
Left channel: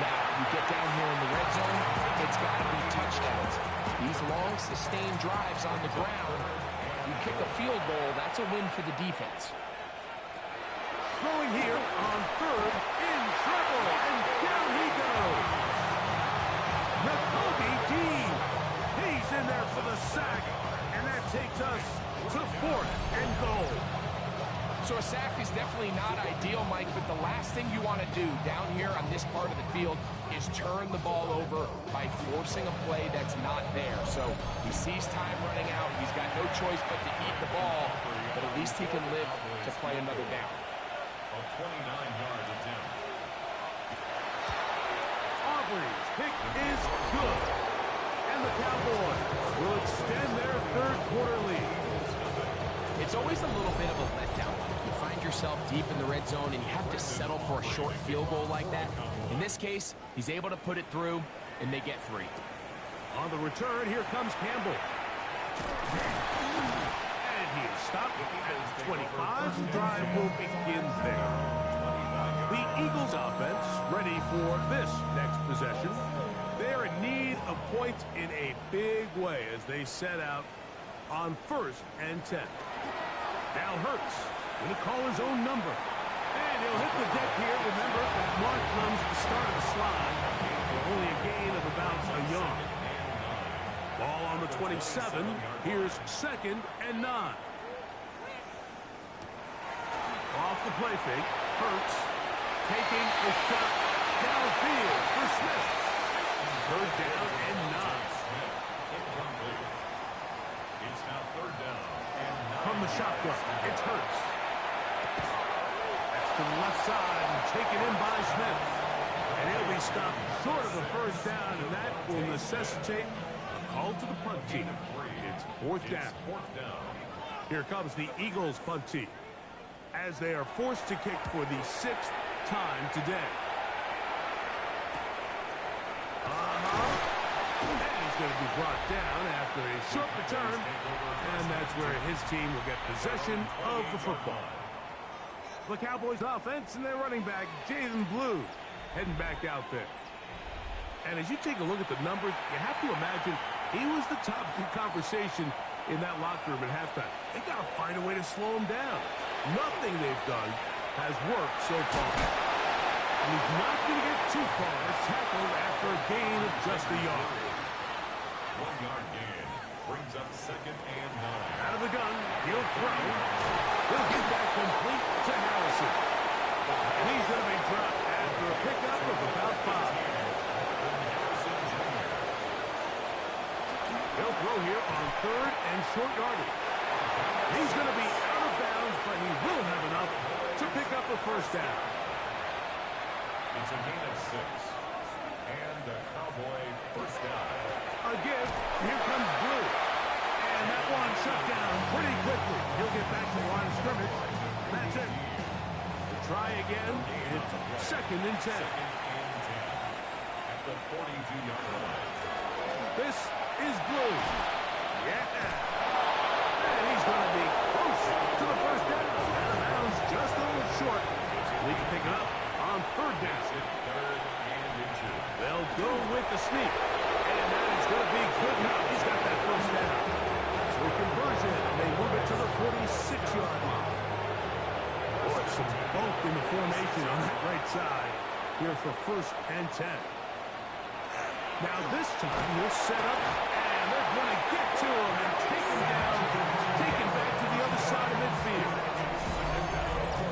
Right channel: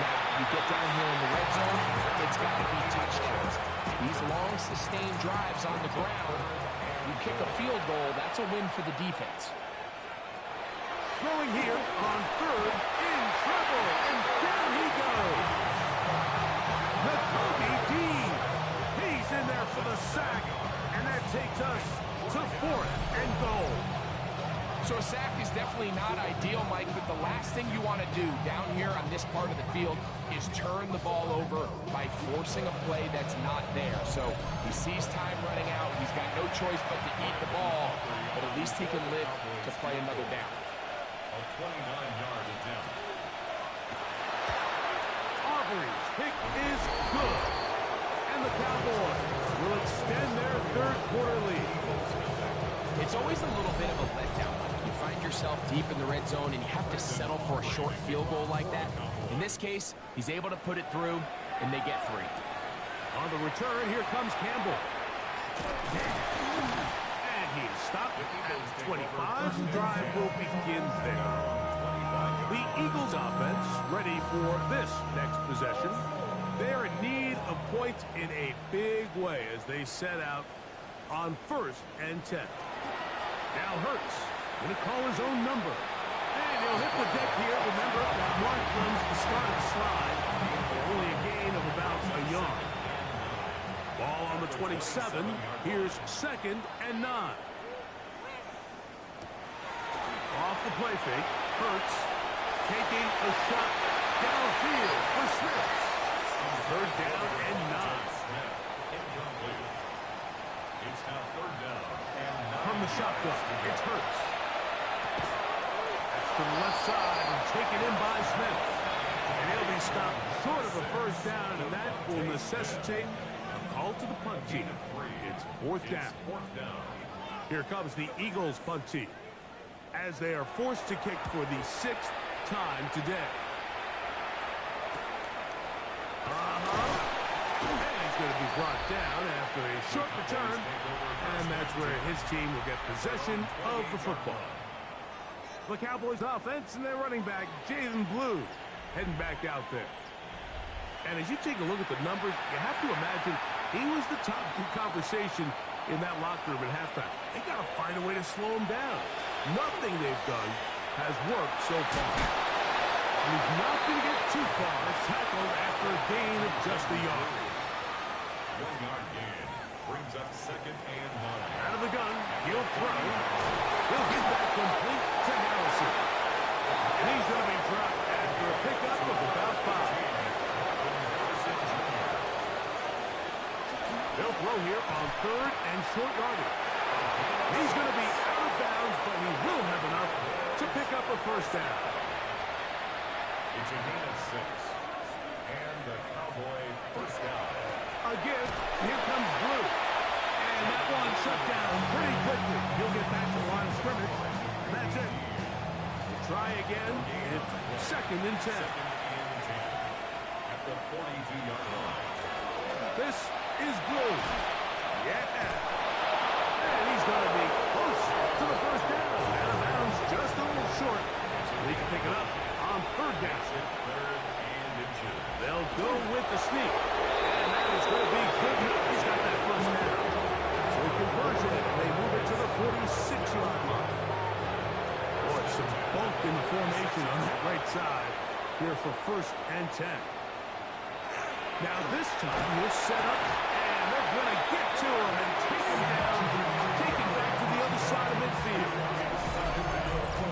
now you get down here in the red zone, it's got to be touchdowns. These long, sustained drives on the ground, you kick a field goal, that's a win for the defense. Throwing here on third, in trouble, and down he goes. Nakobe Dean, he's in there for the sack, and that takes us to 4th and goal. So a sack is definitely not ideal, Mike, but the last thing you want to do down here on this part of the field is turn the ball over by forcing a play that's not there. So he sees time running out. He's got no choice but to eat the ball, but at least he can live to play another down. A 29-yard attempt. Aubrey's pick is good. And the Cowboys will extend their third-quarter lead. It's always a little bit of a letdown, Mike. You find yourself deep in the red zone, and you have to settle for a short field goal like that. In this case, he's able to put it through, and they get 3. On the return, here comes Campbell. And he is stopped at 25. The drive will begin there. The Eagles offense ready for this next possession. They're in need of points in a big way as they set out on 1st and 10. Now Hurts going to call his own number. And he'll hit the deck here. Remember, that mark comes the start of the slide for only a gain of about a yard. Ball on the 27. Here's 2nd and 9. Off the play fake. Hurts taking a shot downfield for Smith. 3rd down and 9. It's now 3rd down and 9. From the shotgun, it's Hurts. That's to the left side and taken in by Smith. And he'll be stopped short of the 1st down, and that will necessitate a call to the punt team. It's 4th down. Here comes the Eagles punt team as they are forced to kick for the 6th time today. And he's going to be brought down after a short return, and that's where his team will get possession of the football. The Cowboys offense and their running back, Jaden Blue, heading back out there. And as you take a look at the numbers, you have to imagine he was the top of the conversation in that locker room at halftime. They got to find a way to slow him down. Nothing they've done has worked so far. And he's not going to get too far, tackled after a gain of just a yard. 1-yard gain brings up 2nd and 9. Out of the gun, he'll throw. He'll get that complete to Harrison. And he's going to be dropped after a pickup of about 5. They'll throw here on 3rd and short yardage. He's going to be out of bounds, but he will have enough to pick up a 1st down. It's a gain of 6. And the Cowboy 1st down. A give. Here comes Blue. And that one shut down pretty quickly. He'll get back to the line of scrimmage. And that's it. We'll try again. It's 2nd and 10. 2nd and 10. At the 42-yard line. This is Blue. Yeah. And he's going to be close to the 1st down. Out of bounds, just a little short. He can pick it up on 3rd down. 3rd and inches. They'll go with the sneak. And that is going to be good enough. He's got that 1st down. So a conversion, and they move it to the 46-yard line. Boy, some bulk in the formation on that right side here for 1st and 10. Now this time he'll set up, and they're going to get to him and take him down, take him back to the other side of midfield.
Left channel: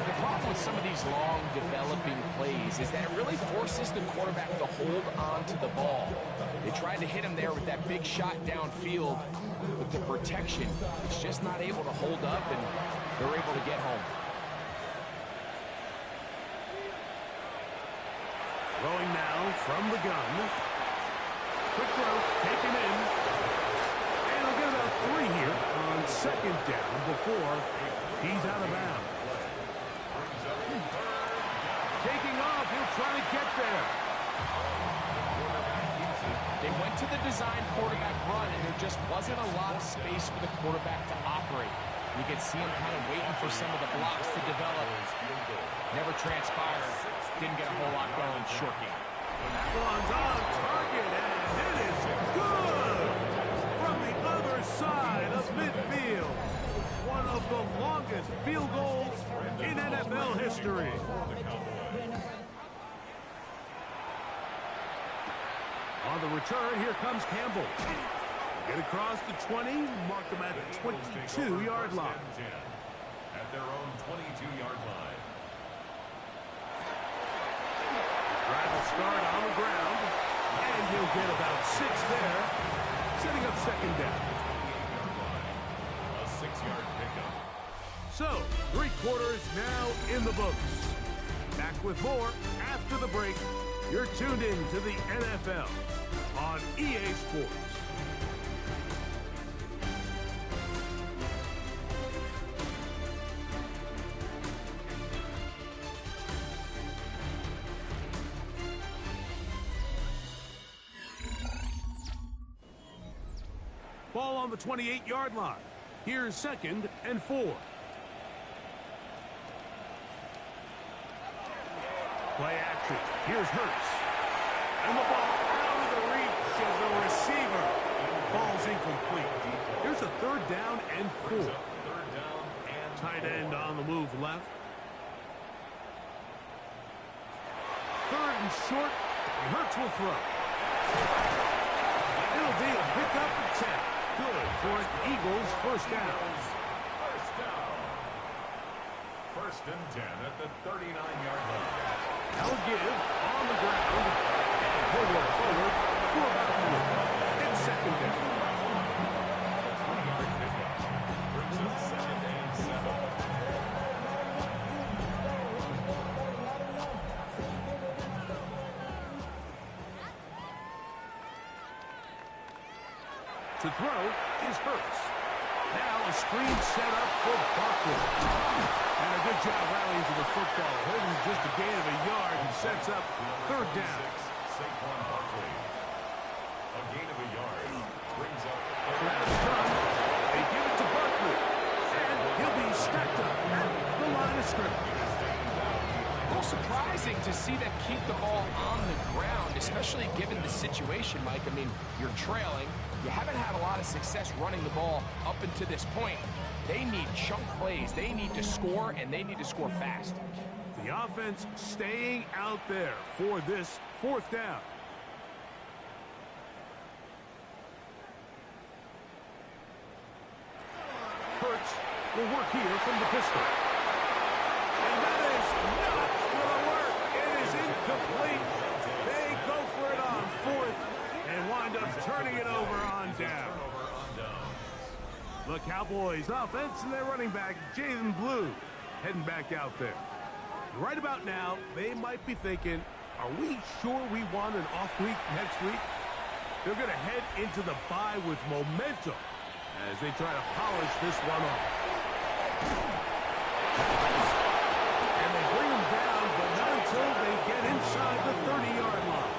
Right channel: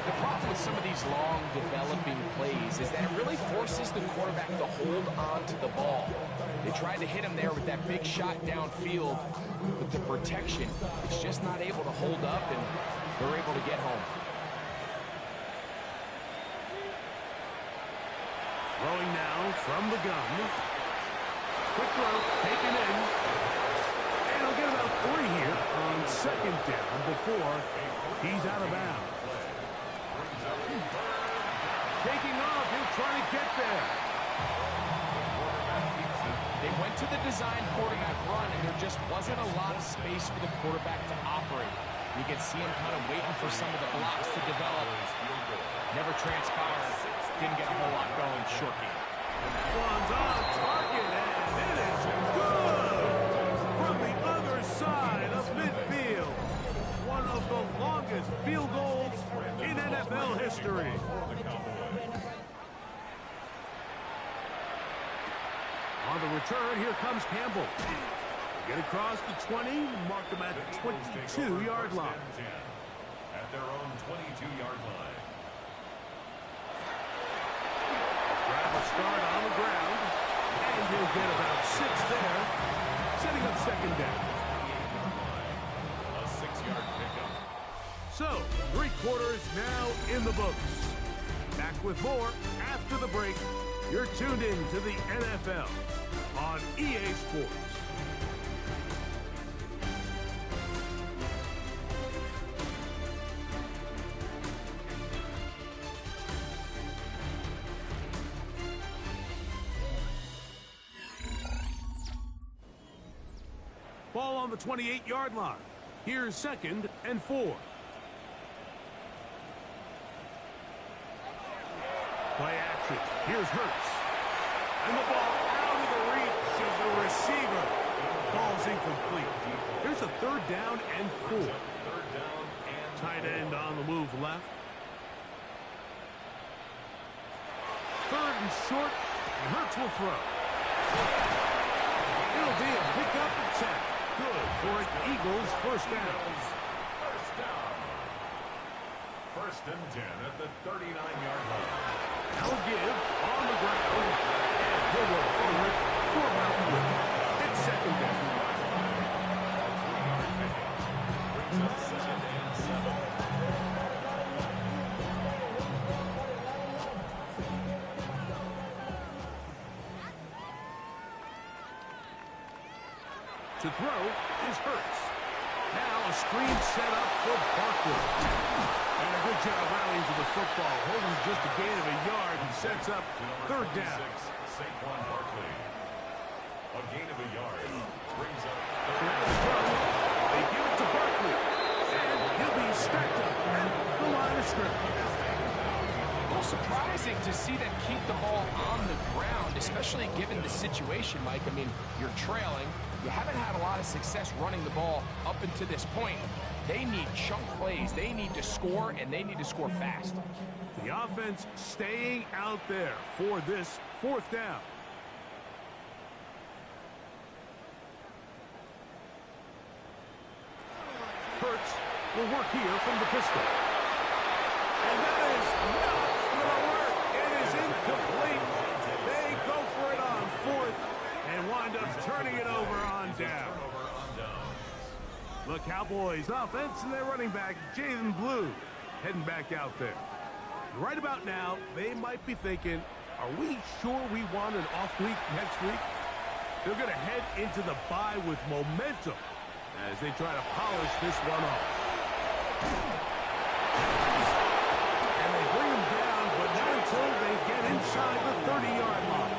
The problem with some of these long developing plays is that it really forces the quarterback to hold on to the ball. They tried to hit him there with that big shot downfield, but the protection is just not able to hold up, and they're able to get home. Throwing now from the gun. Quick throw, taken in. And he'll get about 3 here on second down before he's out of bounds. Taking off, he'll try to get there. They went to the design quarterback run, and there just wasn't a lot of space for the quarterback to operate. You can see him kind of waiting for some of the blocks to develop. Never transpired. Didn't get a whole lot going. Short game. That one's on target, and it is good from the other side of midfield. One of the longest field goals in NFL history. On the return, here comes Campbell. Get across the 20, mark them at the 22-yard line. At their own 22-yard line. Drive will start on the ground, and he'll get about 6 there, setting up second down. 28-yard line. A 6-yard pickup. So, 3 quarters now in the books. Back with more after the break. You're tuned in to the NFL on EA Sports. Ball on the 28-yard line. Here's second and 4. Play action. Here's Hurts. And the ball out of the reach of the receiver. Ball's incomplete. Here's a 3rd down and 4. 3rd down and Tight end on the move left. 3rd and short. And Hurts will throw. It'll be a pickup of 10. Good for an Eagles first down. First down. 1st and 10 at the 39-yard line. Now a give on the ground, and he'll work forward for about 3. It's second down. A 3-yard pickup brings up 2nd and 7. To throw is Hurts. Now a screen set up for Barkley. And a good job rallying to the football. Holding just a gain of a yard and sets up 3rd down. Saquon Barkley. A gain of a yard brings up Out of the gun, they give it to Barkley. And he'll be stacked up at the line of scrimmage. A little surprising to see them keep the ball on the ground, especially given the situation, Mike. I mean, you're trailing. You haven't had a lot of success running the ball up until this point. They need chunk plays. They need to score, and they need to score fast. The offense staying out there for this 4th down. Hurts will work here from the pistol. And that is not going to work. It is incomplete. They go for it on 4th and wind up turning it over on down. The Cowboys offense and their running back, Jaden Blue, heading back out there. Right about now, they might be thinking, are we sure we want an off week next week? They're going to head into the bye with momentum as they try to polish this one off. And they bring them down, but not until they get inside the 30-yard line.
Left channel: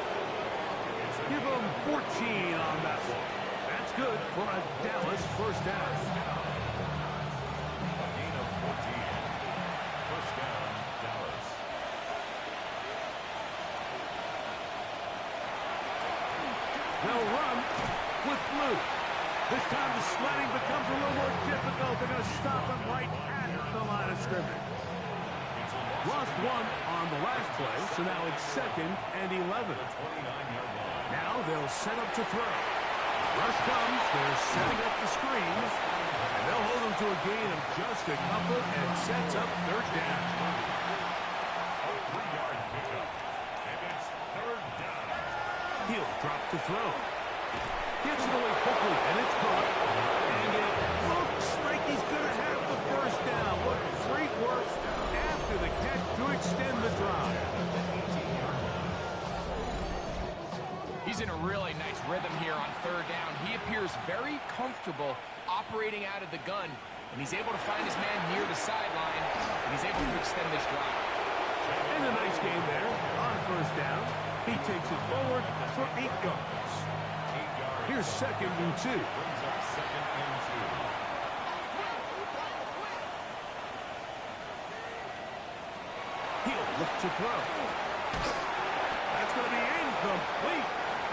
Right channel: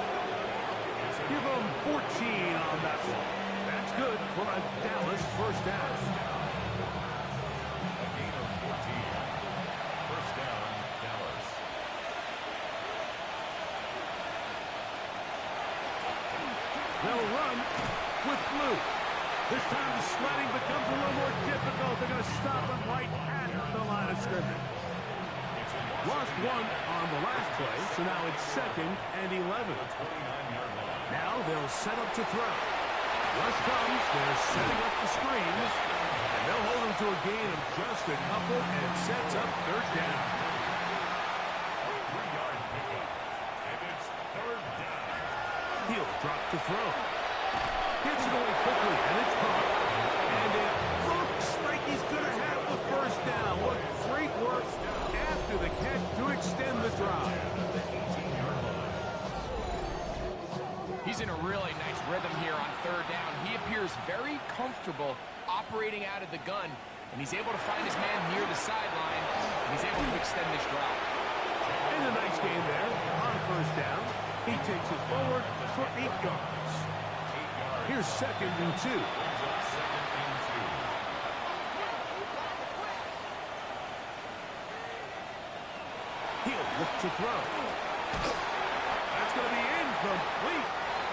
Give them 14 on that one. That's good for a Dallas first down. a gain of 14. First down, Dallas. They'll run with Blue. This time the sledding becomes a little more difficult. They're going to stop him right at the line of scrimmage. Lost 1 on the last play, so now it's 2nd and 11. 29-yard line. Now they'll set up to throw. Rush comes, they're setting up the screens, and they'll hold him to a gain of just a couple and sets up 3rd down. A 3-yard pickup, and it's 3rd down. He'll drop to throw. Gets it away quickly, and it's caught. And it looks like he's going to have the first down. What great work after the catch to extend the drive. He's in a really nice rhythm here on third down. He appears very comfortable operating out of the gun, and he's able to find his man near the sideline, and he's able to extend this drive. And a nice game there on first down. He takes it forward for 8 yards. Here's 2nd and 2. Brings up 2nd and 2. He'll look to throw. That's going to be incomplete.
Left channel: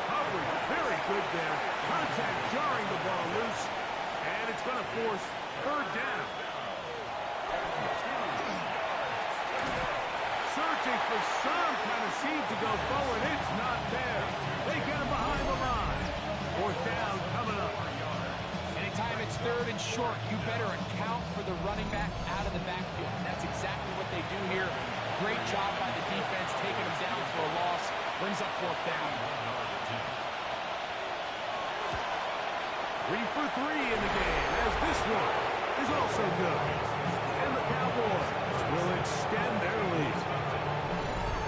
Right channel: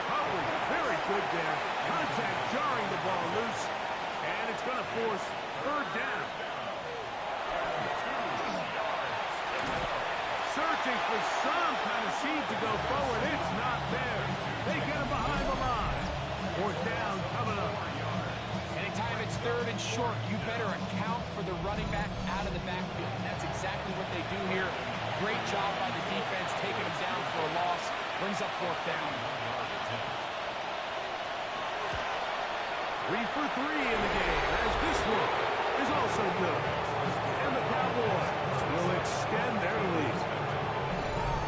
Coverage very good there. Contact jarring the ball loose. And it's going to force third down. Searching for some kind of seed to go forward. It's not there. They get him behind the line. 4th down coming up. Anytime it's third and short, you better account for the running back out of the backfield. And that's exactly what they do here. Great job by the defense, taking him down for a loss. Brings up 4th down. 3 for 3 in the game, as this one is also good. And the Cowboys will extend their lead.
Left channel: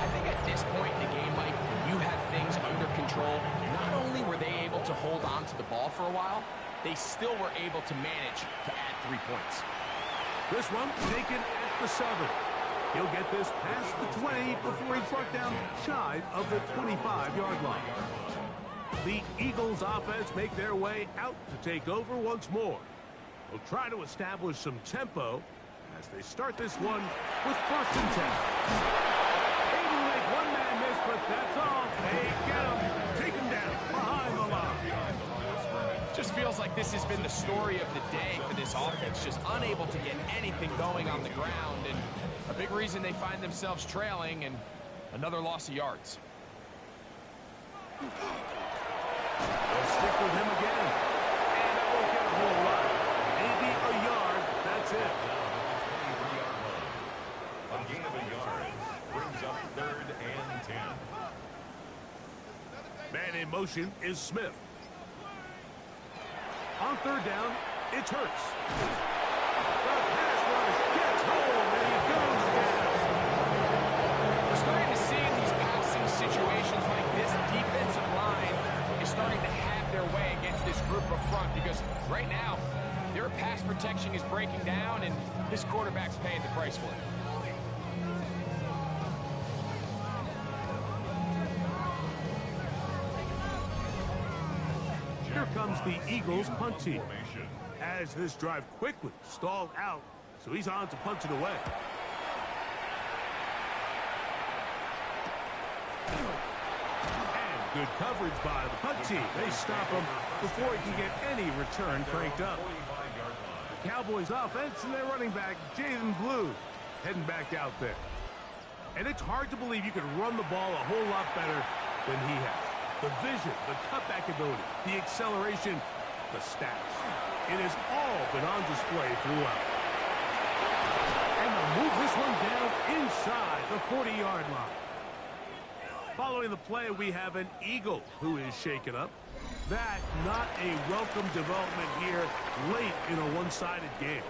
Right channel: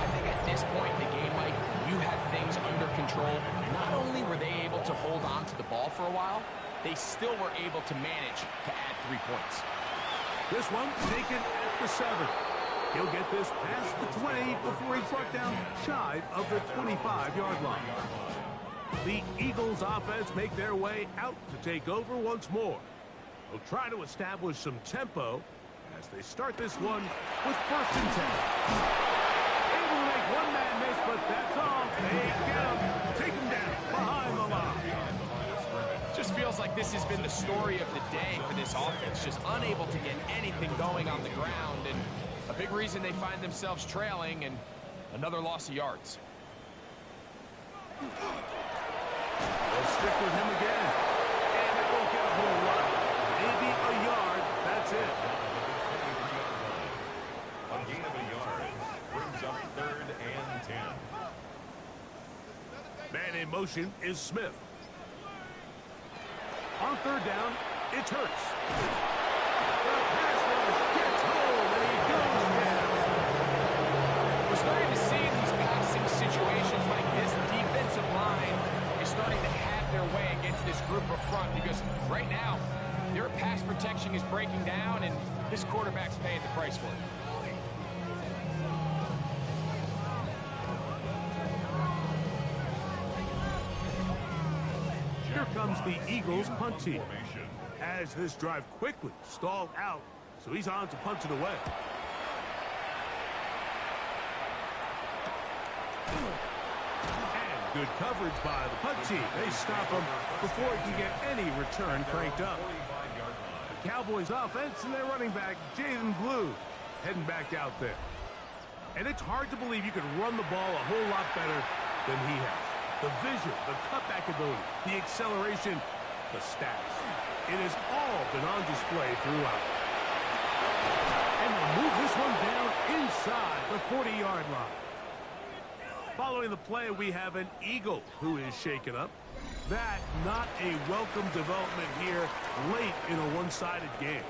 I think at this point in the game, Mike, when you have things under control, not only were they able to hold on to the ball for a while, they still were able to manage to add 3 points. This one taken at the 7. He'll get this past the 20 before he's brought down shy of the 25-yard line. The Eagles offense make their way out to take over once more. They'll try to establish some tempo as they start this one with 1st and 10. Able to make one man miss, but that's all. They get him, take him down behind the line. Just feels like this has been the story of the day for this offense, just unable to get anything going on the ground, and a big reason they find themselves trailing and another loss of yards. They'll stick with him again, and that won't get a whole lot. Maybe a yard, that's it. A gain of a yard brings up 3rd and 10. Man in motion is Smith. On 3rd down, it's Hurts. The pass rush gets home, and he goes down. We're starting to see in these passing situations, Mike, this defensive line is starting to have their way against this group up front, because right now, their pass protection is breaking down, and this quarterback's paying the price for it. Here comes the Eagles punt team, as this drive quickly stalled out, so he's on to punt it away. And good coverage by the punt team. They stop him before he can get any return cranked up. The Cowboys offense and their running back, Jaden Blue, heading back out there. And it's hard to believe you could run the ball a whole lot better than he has. The vision, the cutback ability, the acceleration, the stats. It has all been on display throughout. And they'll move this one down inside the 40-yard line. Following the play, we have an Eagle who is shaken up. That not a welcome development here late in a one-sided game.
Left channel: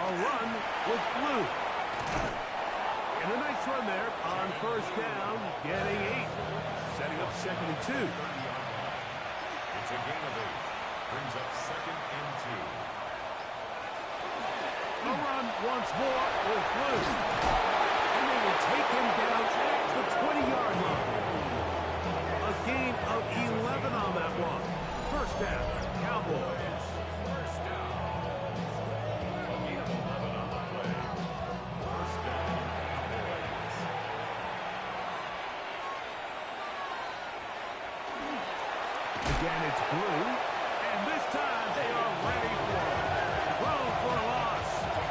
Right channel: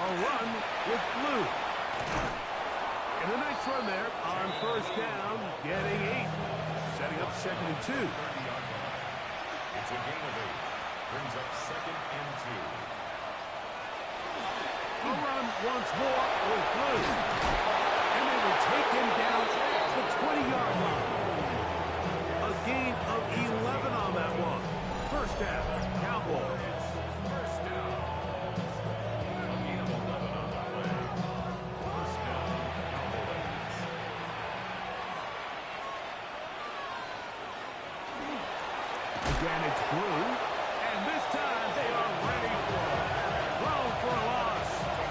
A run with Blue. And a nice run there on 1st down, getting 8. Setting up 2nd and 2. It's a gain of 8. Brings up 2nd and 2. A run once more with Blue. And they will take him down at the 20-yard line. A gain of 11 on that one. 1st down, Cowboys. Again, it's Blue, and this time they are ready for it. Throw for a loss,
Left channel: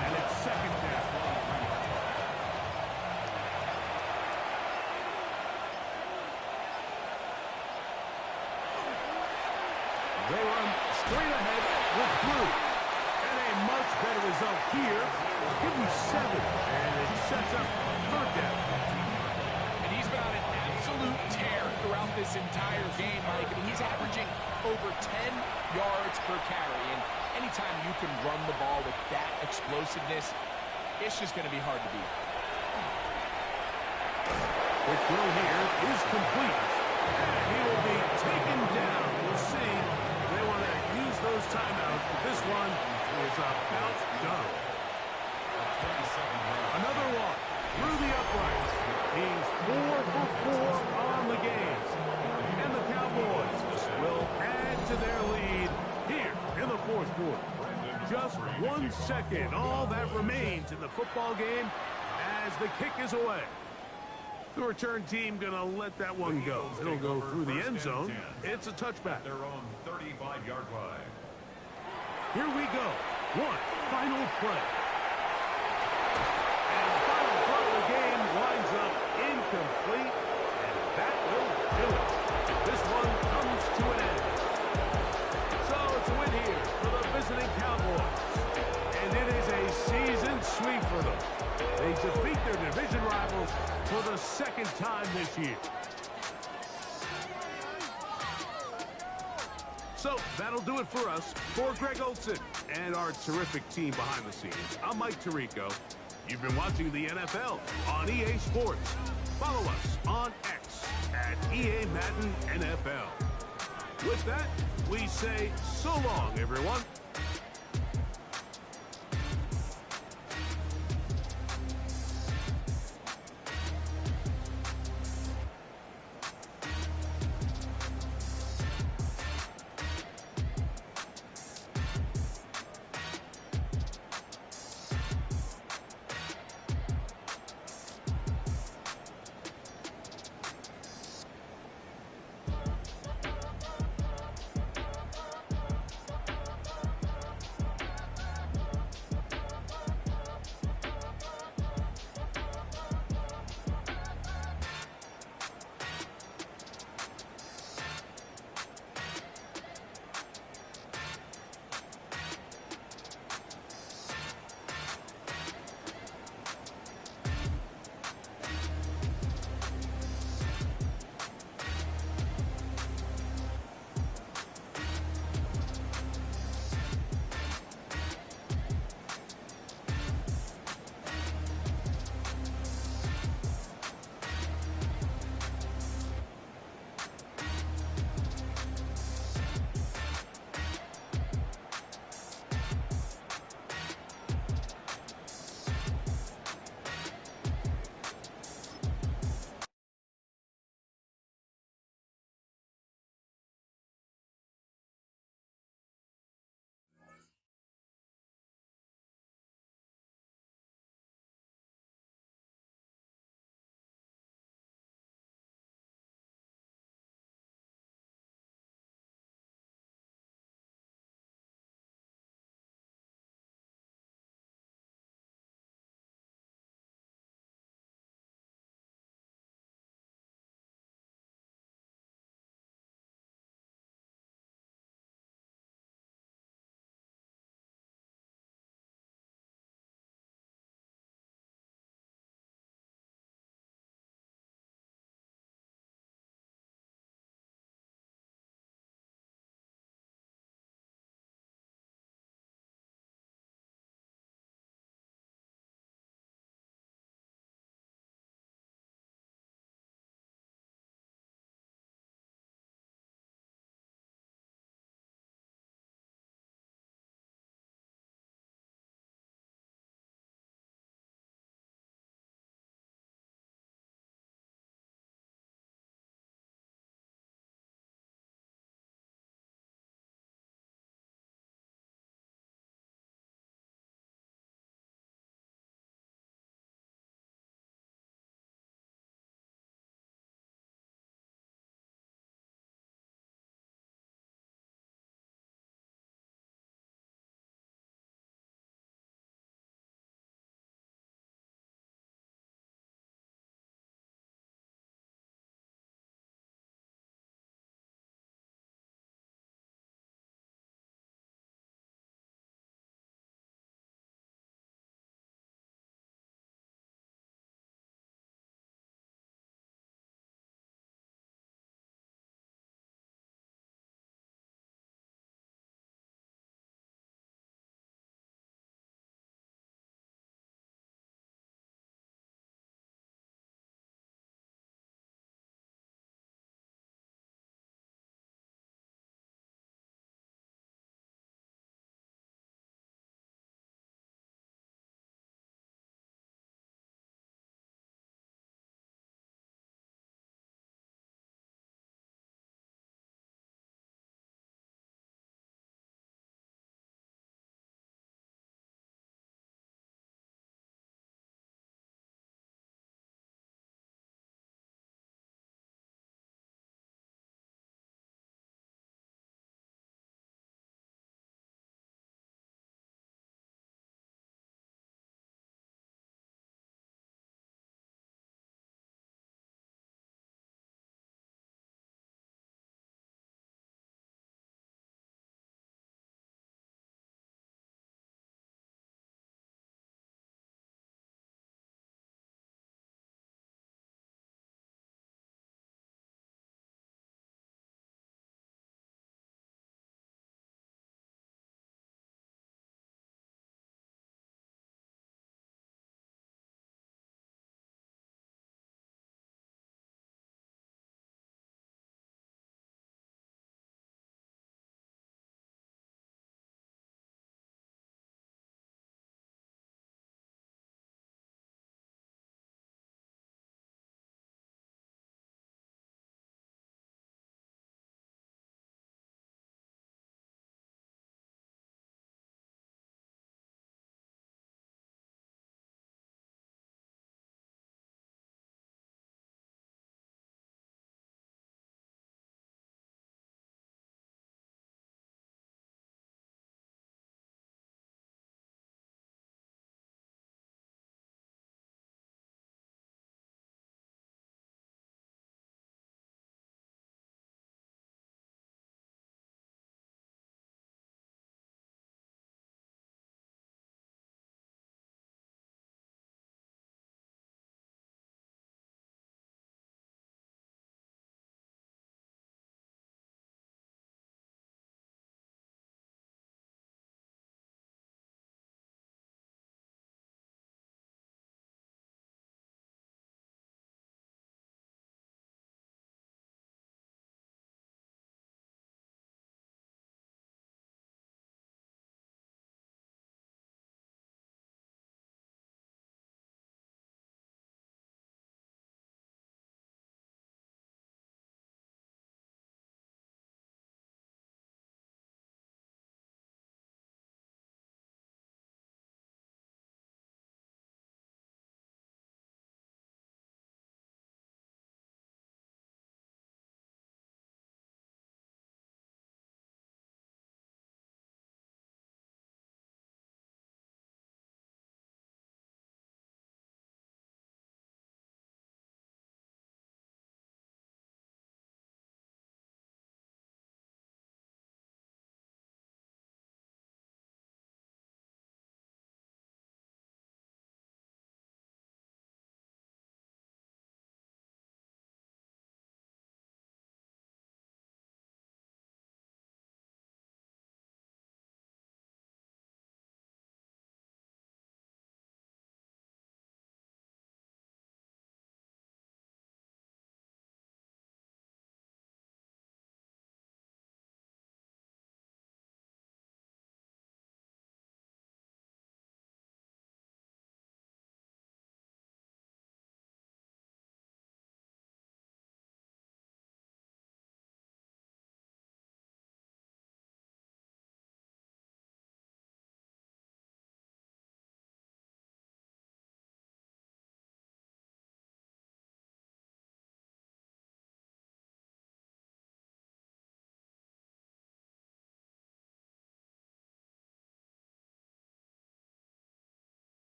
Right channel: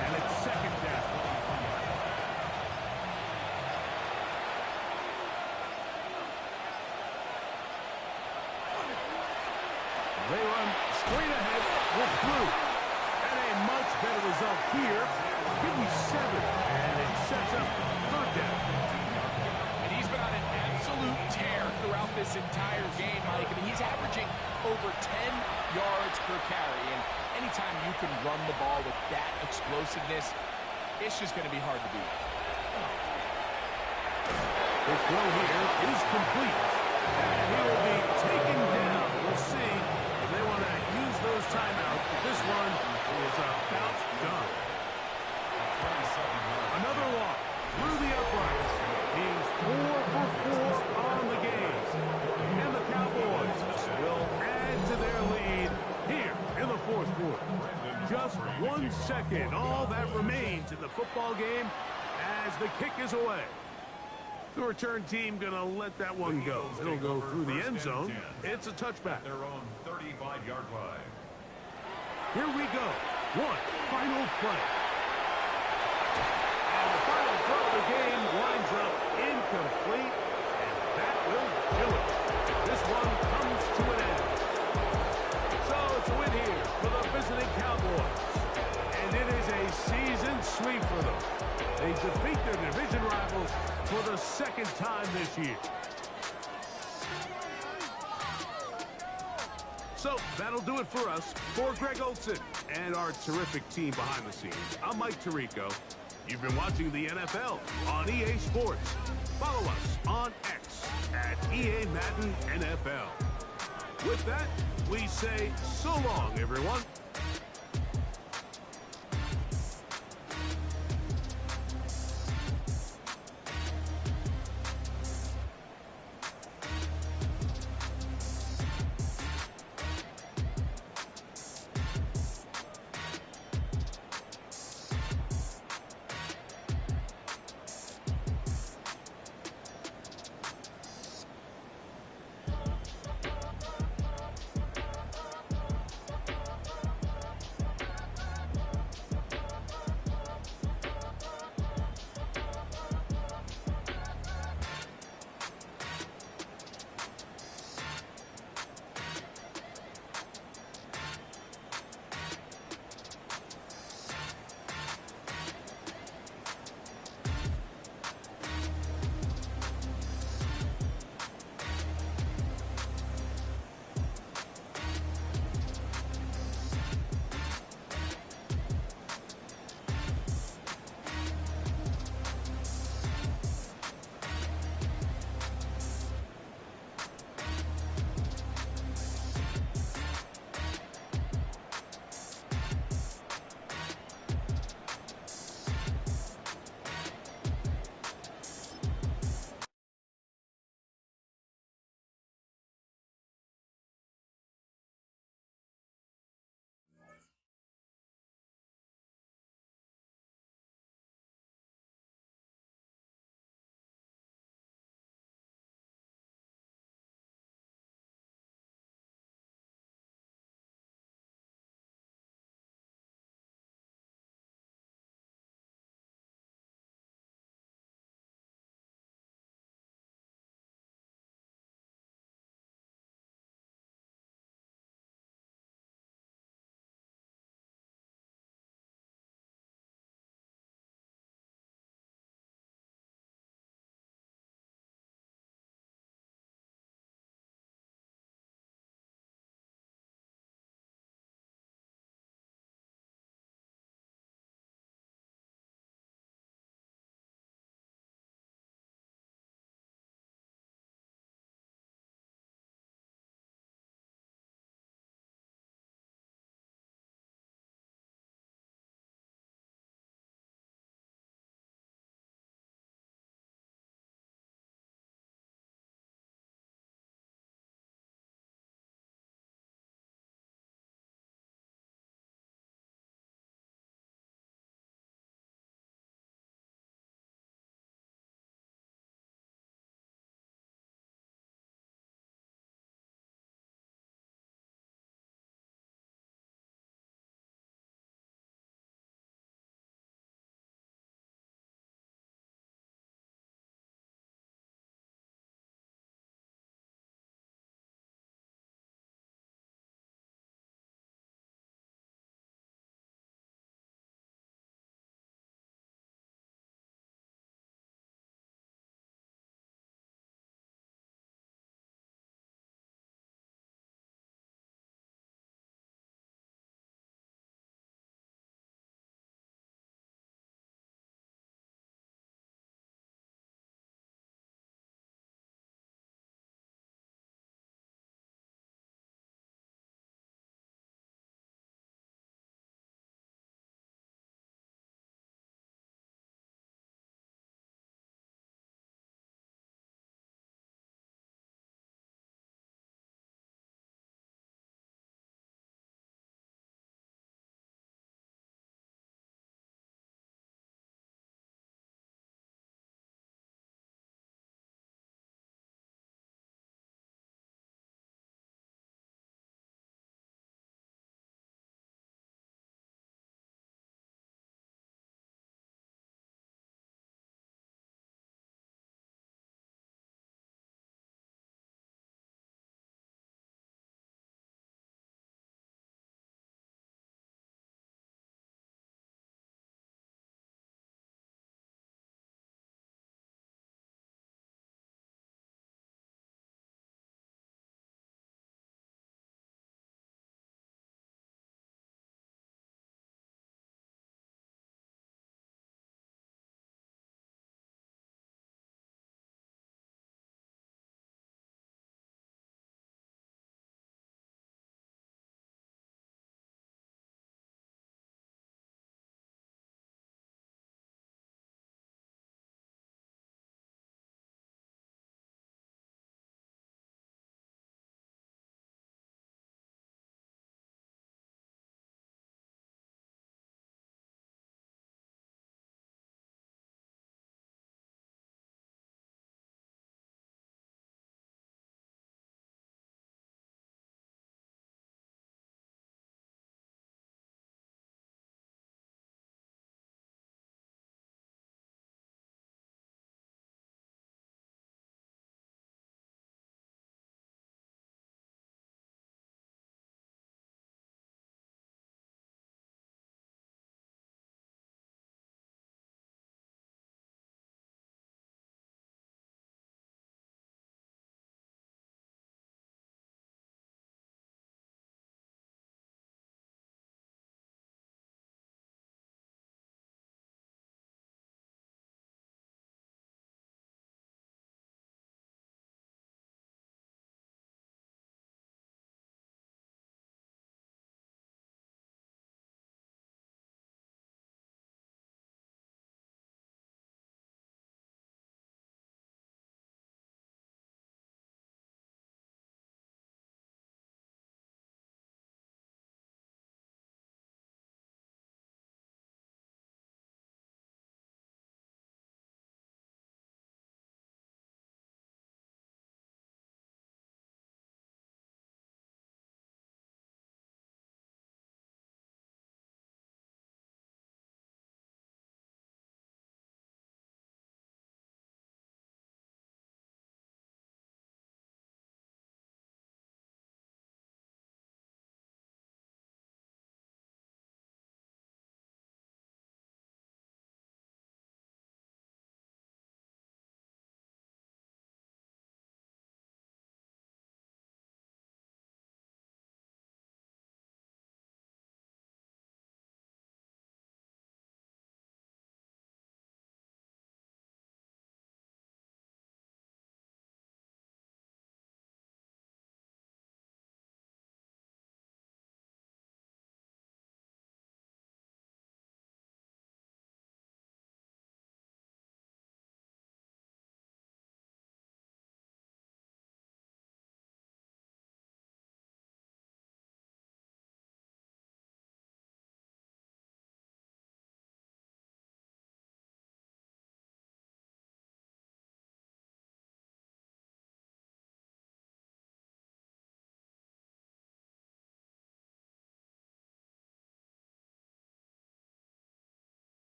and it's 2nd down. They run straight ahead with Blue, and a much better result here. Give him 7, and it sets up 3rd down. And he's been on an absolute absolute tear throughout this entire game, Mike. I mean, he's averaging over 10 yards per carry, and anytime you can run the ball with that explosiveness, it's just going to be hard to beat. The throw here is complete, and he will be taken down. We'll see if they want to use those timeouts, but this one is about done. Another walk through the uprights. He's 4 for 4 on the game. And the Cowboys will add to their lead here in the fourth quarter. Just 1 second, all that remains in the football game as the kick is away. The return team going to let that one go. It'll go through the end zone. It's a touchback. Their own 35-yard line. Here we go. One final play. And the final throw of the game winds up incomplete, and that will do it. This one comes to an end. So it's a win here for the visiting Cowboys. And it is a season sweep for them. They defeat their division rivals for the second time this year. So that'll do it for us. For Greg Olson and our terrific team behind the scenes, I'm Mike Tirico. You've been watching the NFL on EA Sports. Follow us on X at EA Madden NFL. With that, we say so long, everyone.